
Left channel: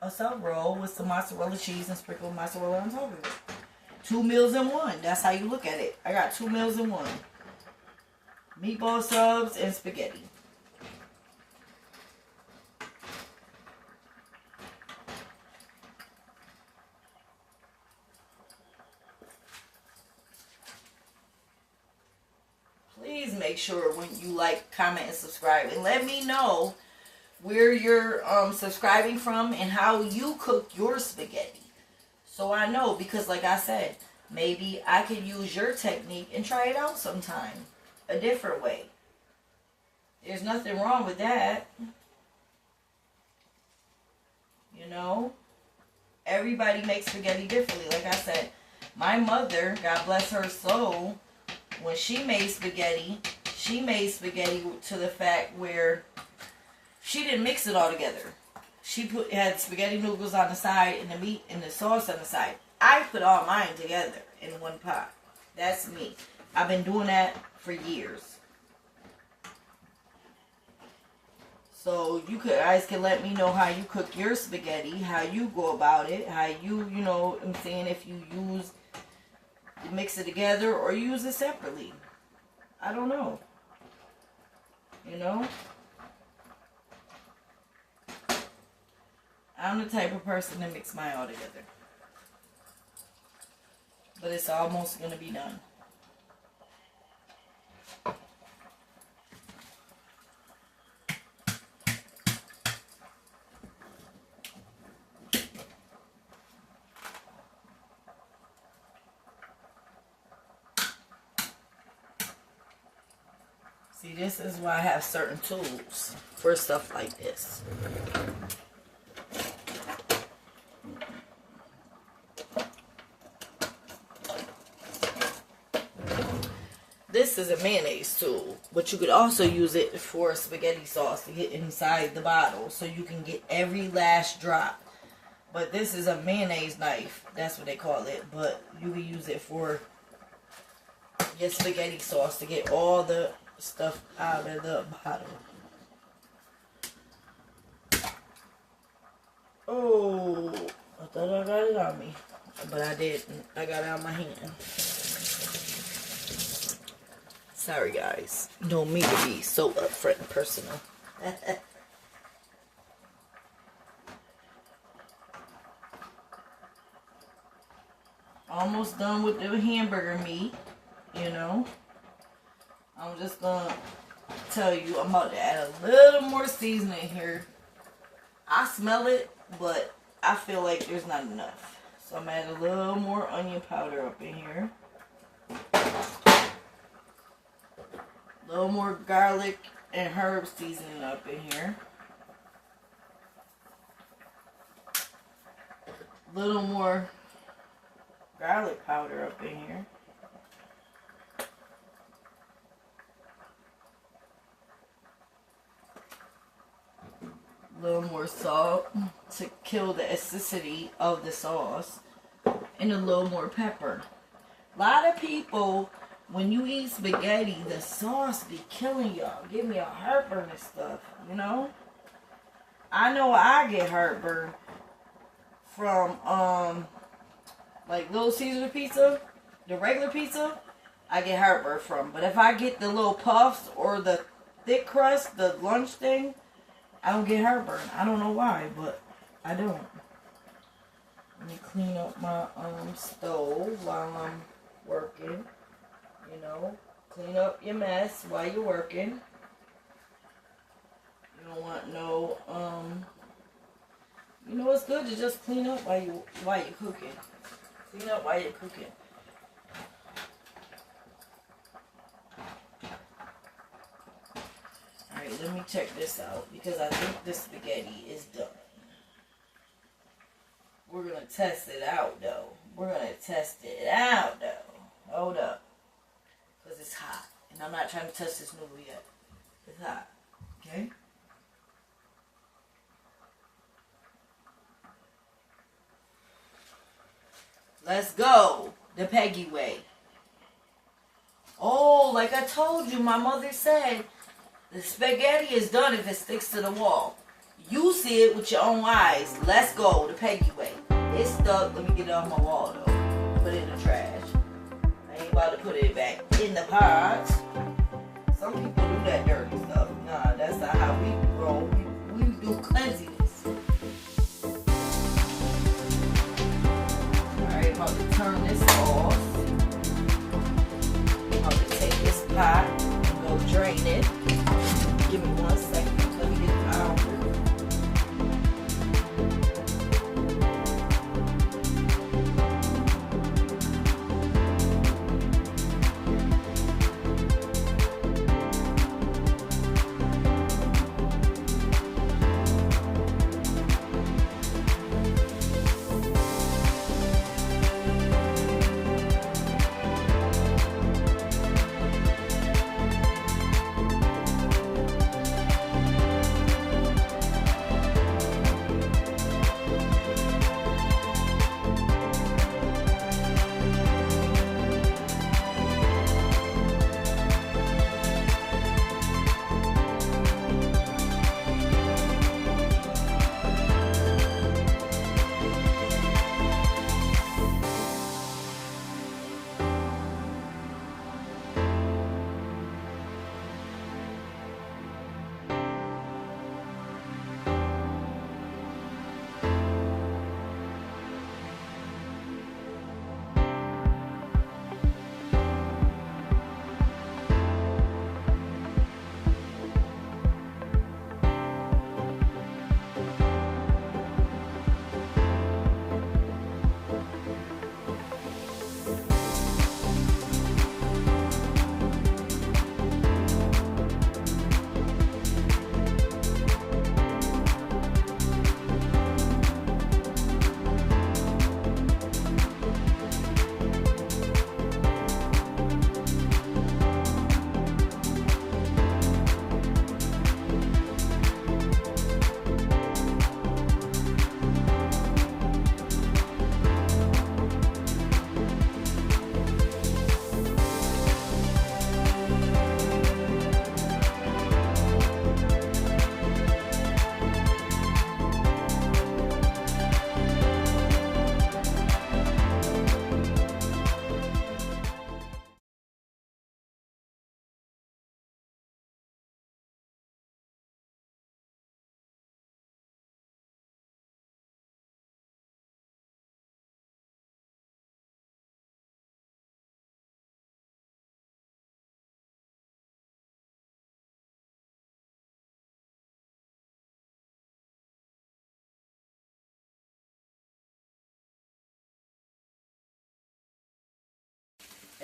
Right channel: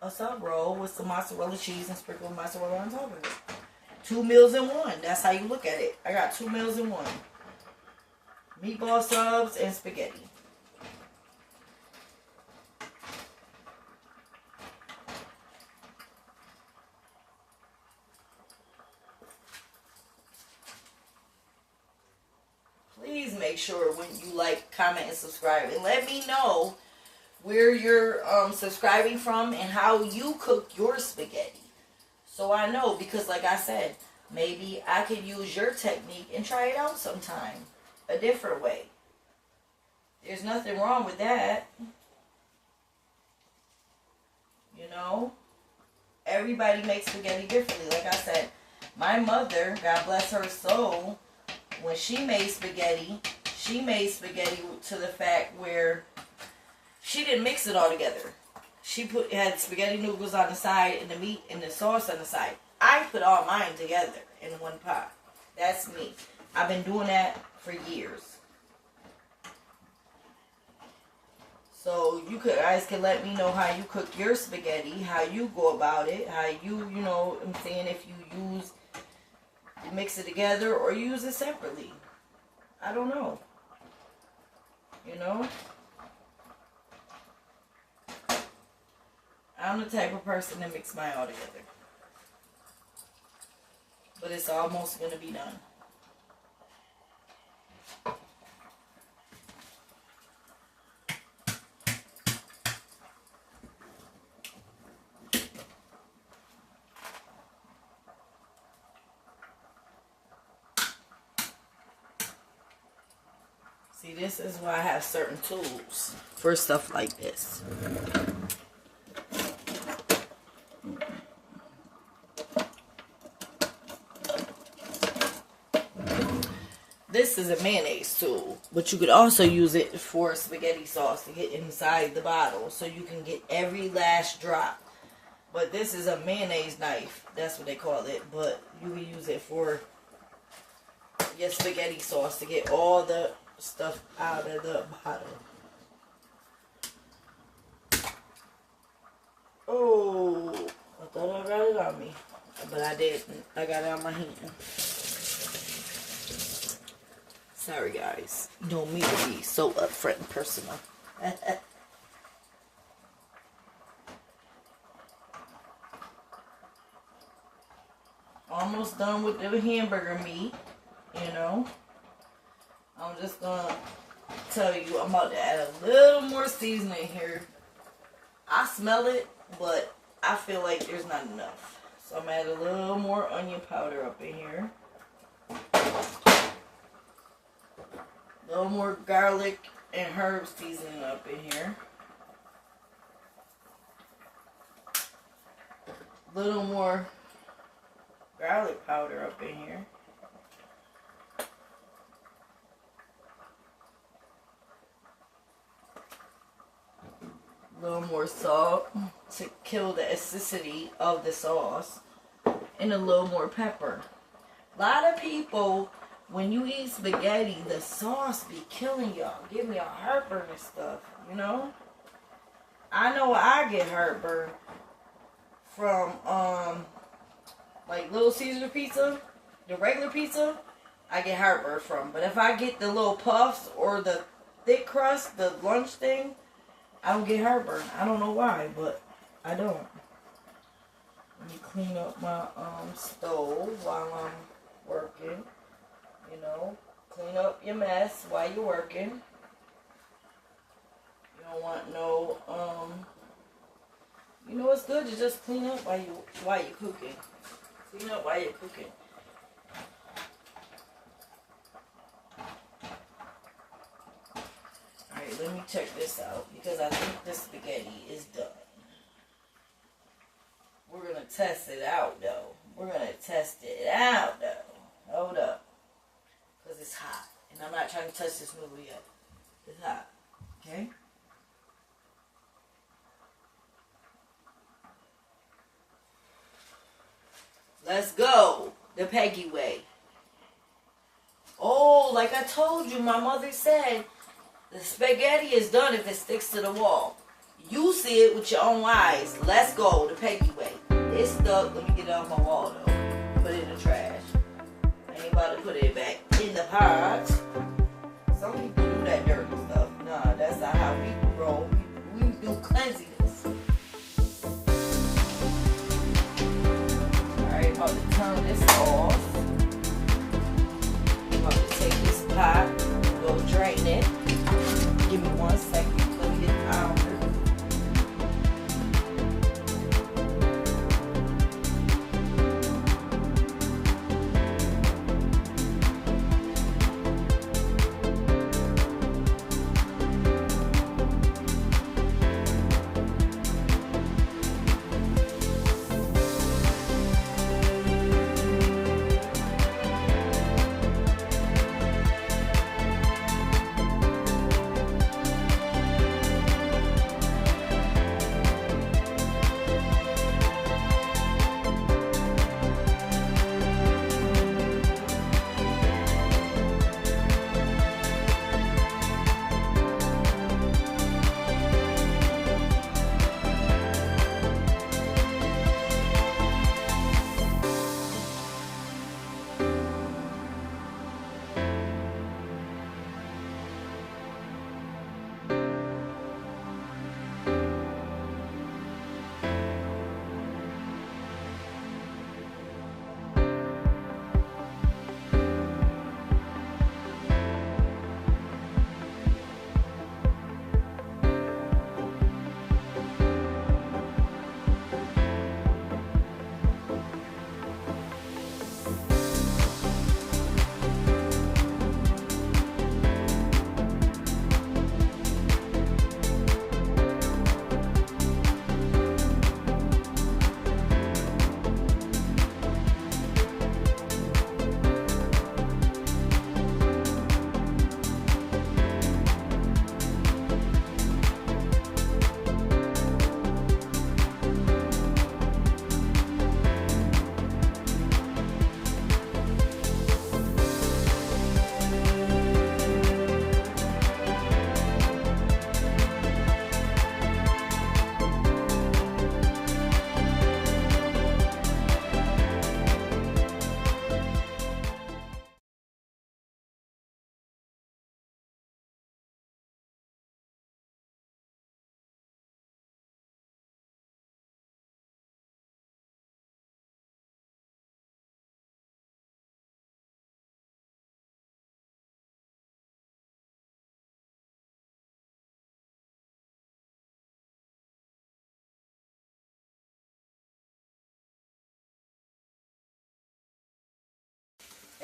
a sub roll with some mozzarella cheese and sprinkle mozzarella on top of it. 2 meals in one. That's how you look at it. I got 2 meals in one. Meatball subs and spaghetti. Please make sure when you like, comment, and subscribe. And let me know where you're subscribing from and how you cook your spaghetti. So I know, because like I said, maybe I could use your technique and try it out sometime. A different way. There's nothing wrong with that. You know? Everybody makes spaghetti differently. Like I said, my mother, God bless her soul, when she made spaghetti to the fact where she didn't mix it all together. She had spaghetti noodles on the side and the meat and the sauce on the side. I put all mine together in one pot. That's me. I've been doing that for years. So you guys can let me know how you cook your spaghetti, how you go about it, how you know, I'm saying if you mix it together or use it separately. I don't know. You know? I'm the type of person that mix mine all together. but it's almost gonna be done. See, this is why I have certain tools for stuff like this. This is a mayonnaise tool, but you could also use it for spaghetti sauce to get inside the bottle so you can get every last drop. But this is a mayonnaise knife. That's what they call it. But you can use it for your spaghetti sauce to get all the stuff out of the bottle. Oh, I thought I got it on me, but I didn't. I got it on my hand. Sorry, guys. You know me to be so upfront and personal. Almost done with the hamburger meat, you know. I'm just gonna tell you, I'm about to add a little more seasoning here. I smell it, but I feel like there's not enough. So I'm adding a little more onion powder up in here. A little more garlic and herb seasoning up in here. A little more garlic powder up in here. A little more salt to kill the acidity of the sauce. And a little more pepper. A lot of people, when you eat spaghetti, the sauce be killing y'all. Give me a heartburn and stuff, you know? I know I get heartburn from, like Little Caesar pizza, the regular pizza, I get heartburn from. But if I get the little puffs or the thick crust, the lunch thing, I don't get heartburn. I don't know why, but I don't. Let me clean up my stove while I'm working. You know, clean up your mess while you're working. You don't want no, you know, it's good to just clean up while you're cooking. Clean up while you're cooking. Alright, let me check this out because I think this spaghetti is done. We're going to test it out, though. We're going to test it out, though. Hold up. Because it's hot. And I'm not trying to touch this noodle yet. It's hot. Okay? Let's go. The Peggy way. Oh, like I told you, my mother said, the spaghetti is done if it sticks to the wall. You see it with your own eyes. Let's go. The Peggy way. It's stuck. Let me get it off my wall, though. Put it in the trash. I ain't about to put it back in the pot. Some people do that dirty stuff. Nah, that's not how we roll. We do cleanliness. Alright, about to turn this off. I'm about to take this pot and go drain it. Give me 1 second. Let me get it out.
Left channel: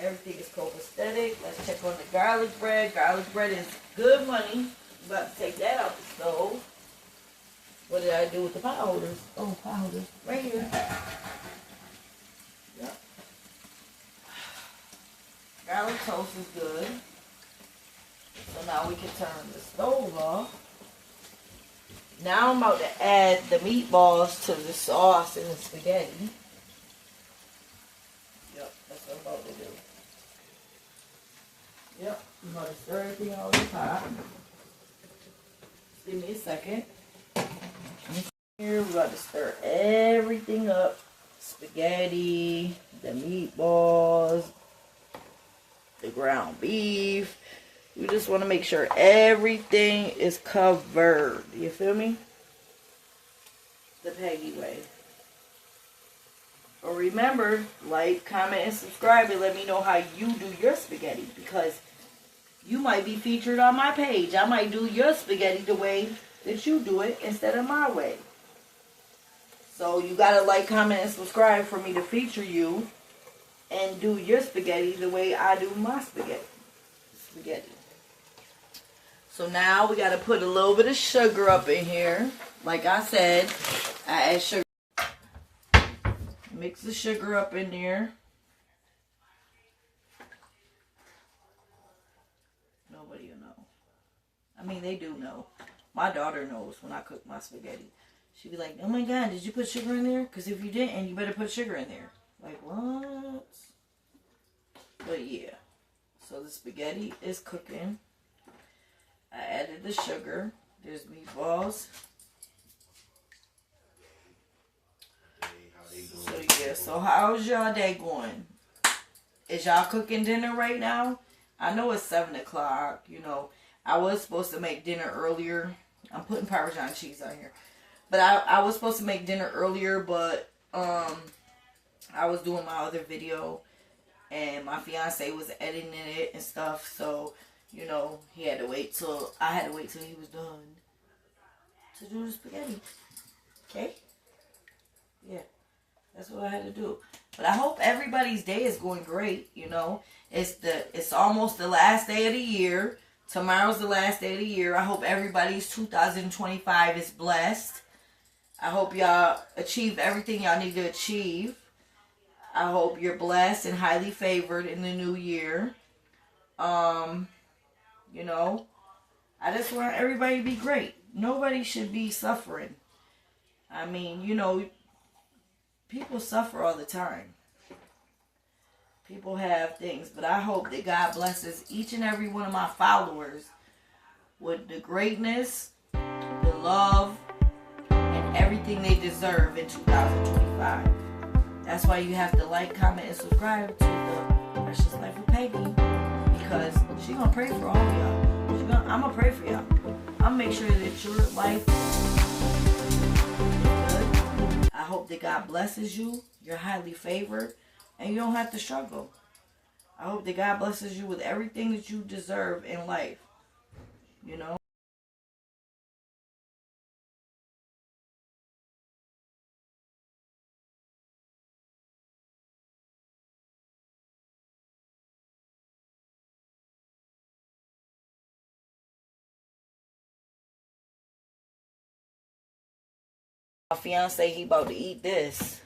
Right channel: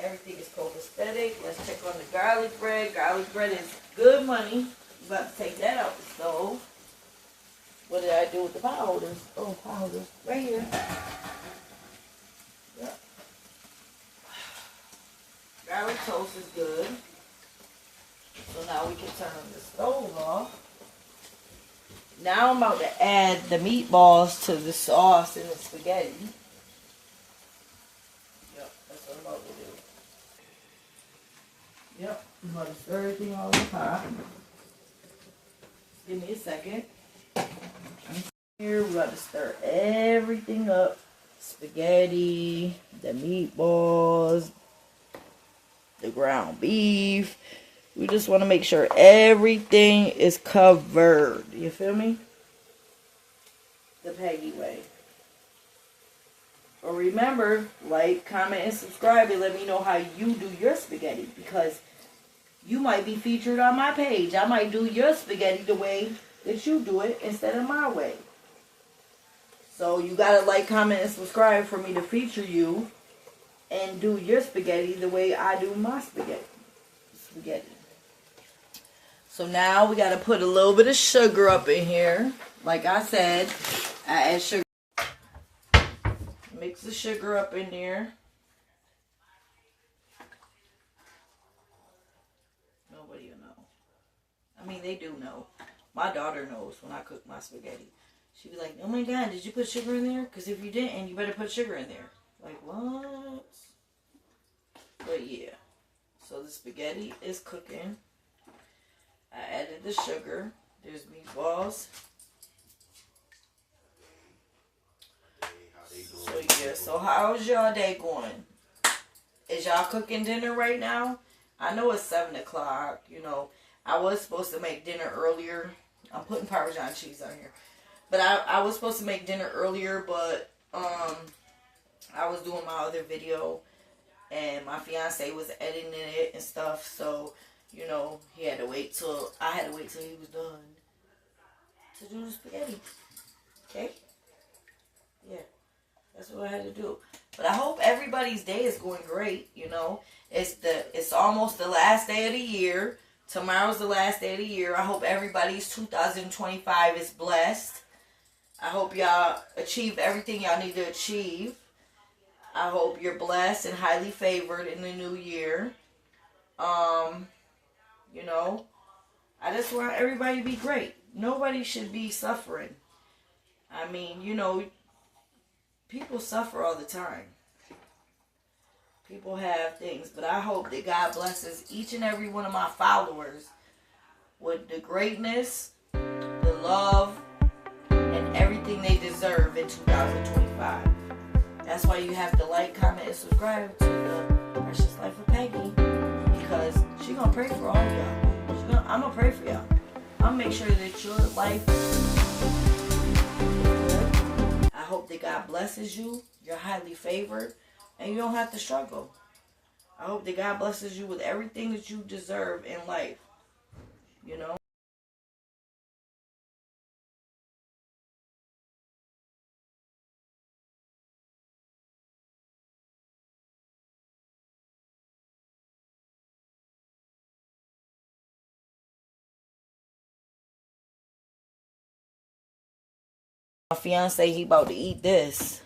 Everything is copacetic. Let's check on the garlic bread. Garlic bread is good money. I'm about to take that out the stove. What did I do with the pot holders? Oh, pot holders. Right here. Yep. Garlic toast is good. So now we can turn the stove off. Now I'm about to add the meatballs to the sauce and the spaghetti. Yep, that's what I'm about to do. Yep, I'm about to stir everything on the pot. Give me a second. Here, we're about to stir everything up. Spaghetti, the meatballs, the ground beef. We just want to make sure everything is covered. You feel me? The Peggy way. Or remember, like, comment, and subscribe, and let me know how you do your spaghetti, because you might be featured on my page. I might do your spaghetti the way that you do it instead of my way. So you gotta like, comment, and subscribe for me to feature you and do your spaghetti the way I do my spaghetti. So now we gotta put a little bit of sugar up in here. Like I said, I add sugar. Mix the sugar up in there. Nobody will know. I mean, they do know. My daughter knows when I cook my spaghetti. She be like, oh my God, did you put sugar in there? Because if you didn't, you better put sugar in there. Like, what? But yeah. So the spaghetti is cooking. I added the sugar. There's meatballs. So yeah, so how's y'all day going? Is y'all cooking dinner right now? I know it's 7 o'clock. You know, I was supposed to make dinner earlier. I'm putting Parmesan cheese on here. But I was supposed to make dinner earlier, but I was doing my other video. And my fiance was editing it and stuff. So, you know, I had to wait till he was done to do the spaghetti. Okay? Yeah. That's what I had to do. But I hope everybody's day is going great, you know. It's almost the last day of the year. Tomorrow's the last day of the year. I hope everybody's 2025 is blessed. I hope y'all achieve everything y'all need to achieve. I hope you're blessed and highly favored in the new year. You know, I just want everybody to be great. Nobody should be suffering. I mean, you know, people suffer all the time. People have things, but I hope that God blesses each and every one of my followers with the greatness, the love, and everything they deserve in 2025. That's why you have to like, comment, and subscribe to the Precious Life of Peggy, because she's going to pray for all of y'all. I'm going to pray for y'all. I'm going to make sure that your life is good. I hope that God blesses you. You're highly favored, and you don't have to struggle. I hope that God blesses you with everything that you deserve in life. You know? My fiance, he about to eat this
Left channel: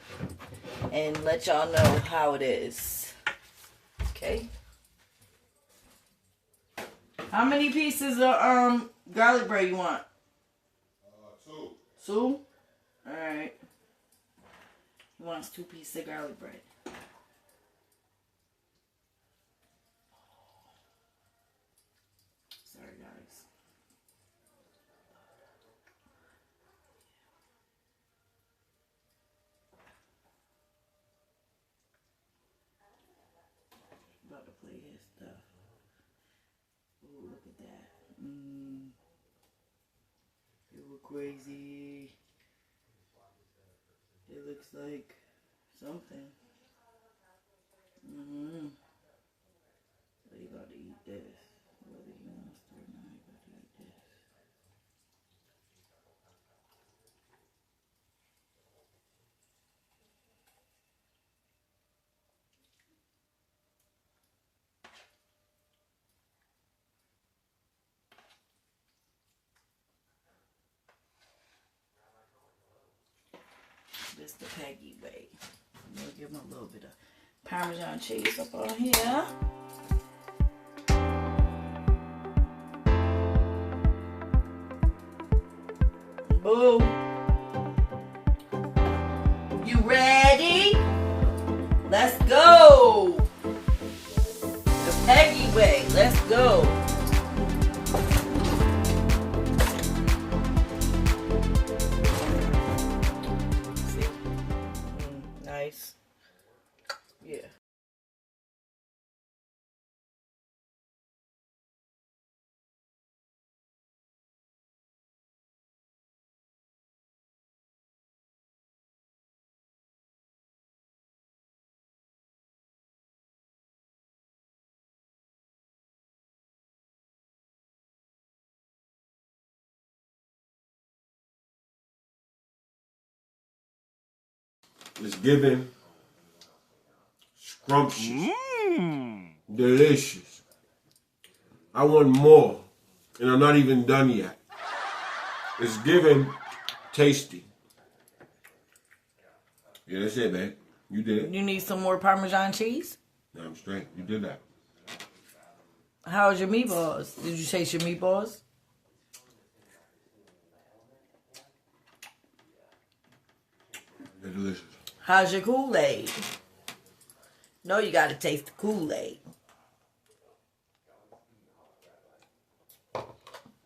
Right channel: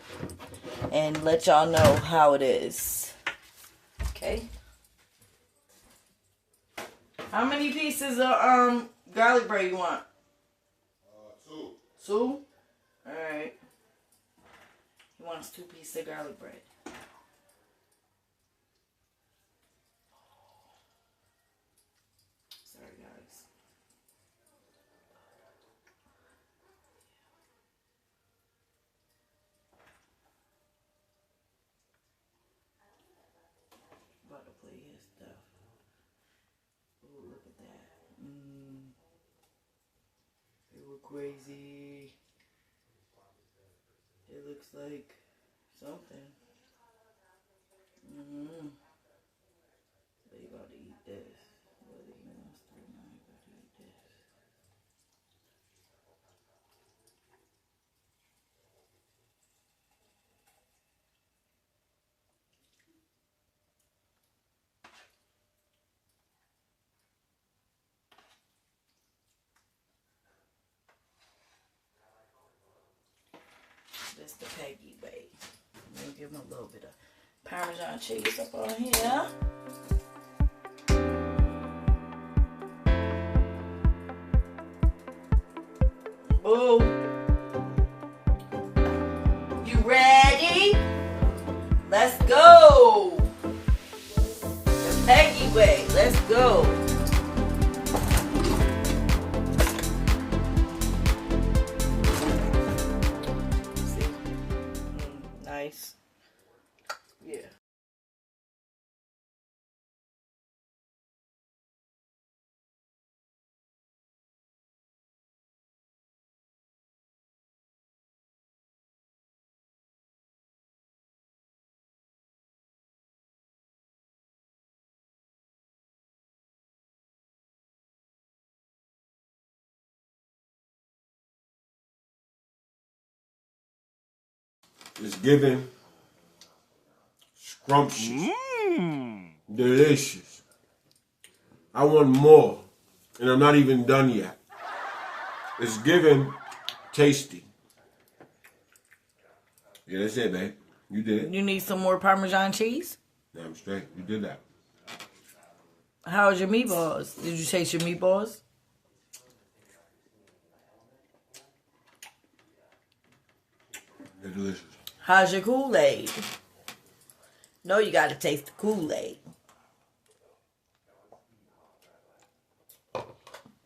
and let y'all know how it is. Okay? How many pieces of garlic bread you want? 2. 2? Alright. He wants 2 pieces of garlic bread. Sorry, guys. About to play his stuff. Ooh, look at that. It look crazy. It looks like something. But he about to eat this. Whether he wants to or not, he about to eat this. It's the Peggy way. I'm gonna give them a little bit of Parmesan cheese up on here. Boom. You ready? Let's go. The Peggy way. Let's go. Nice. Yeah. It's giving scrumptious, delicious. I want more, and I'm not even done yet. It's giving tasty. Yeah, that's it, babe. You did it. You need some more Parmesan cheese? No, I'm straight. You did that. How's your meatballs? Did you taste your meatballs? They're delicious. How's your Kool-Aid? No, you gotta taste the Kool-Aid. Let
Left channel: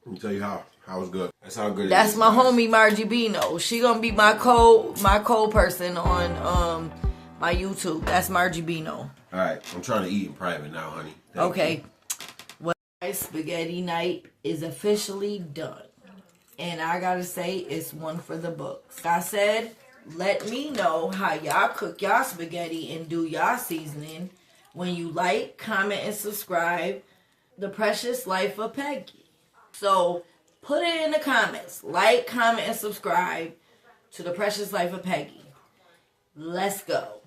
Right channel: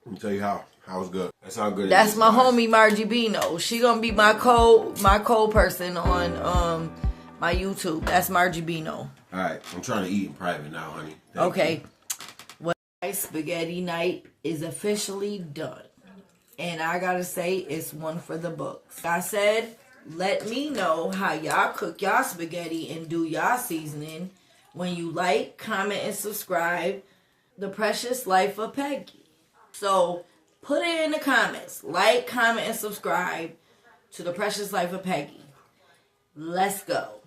me tell you how it's good. That's how good it is. That's my homie Margie Bino. She gonna be my co-person on my YouTube. That's Margie Bino. All right, I'm trying to eat in private now, honey. Thank Okay. you. Well, my spaghetti night is officially done. And I gotta say, it's one for the books. Like I said, let me know how y'all cook y'all spaghetti and do y'all seasoning when you like, comment, and subscribe. The Precious Life of Peggy. So put it in the comments. Like, comment, and subscribe to The Precious Life of Peggy. Let's go.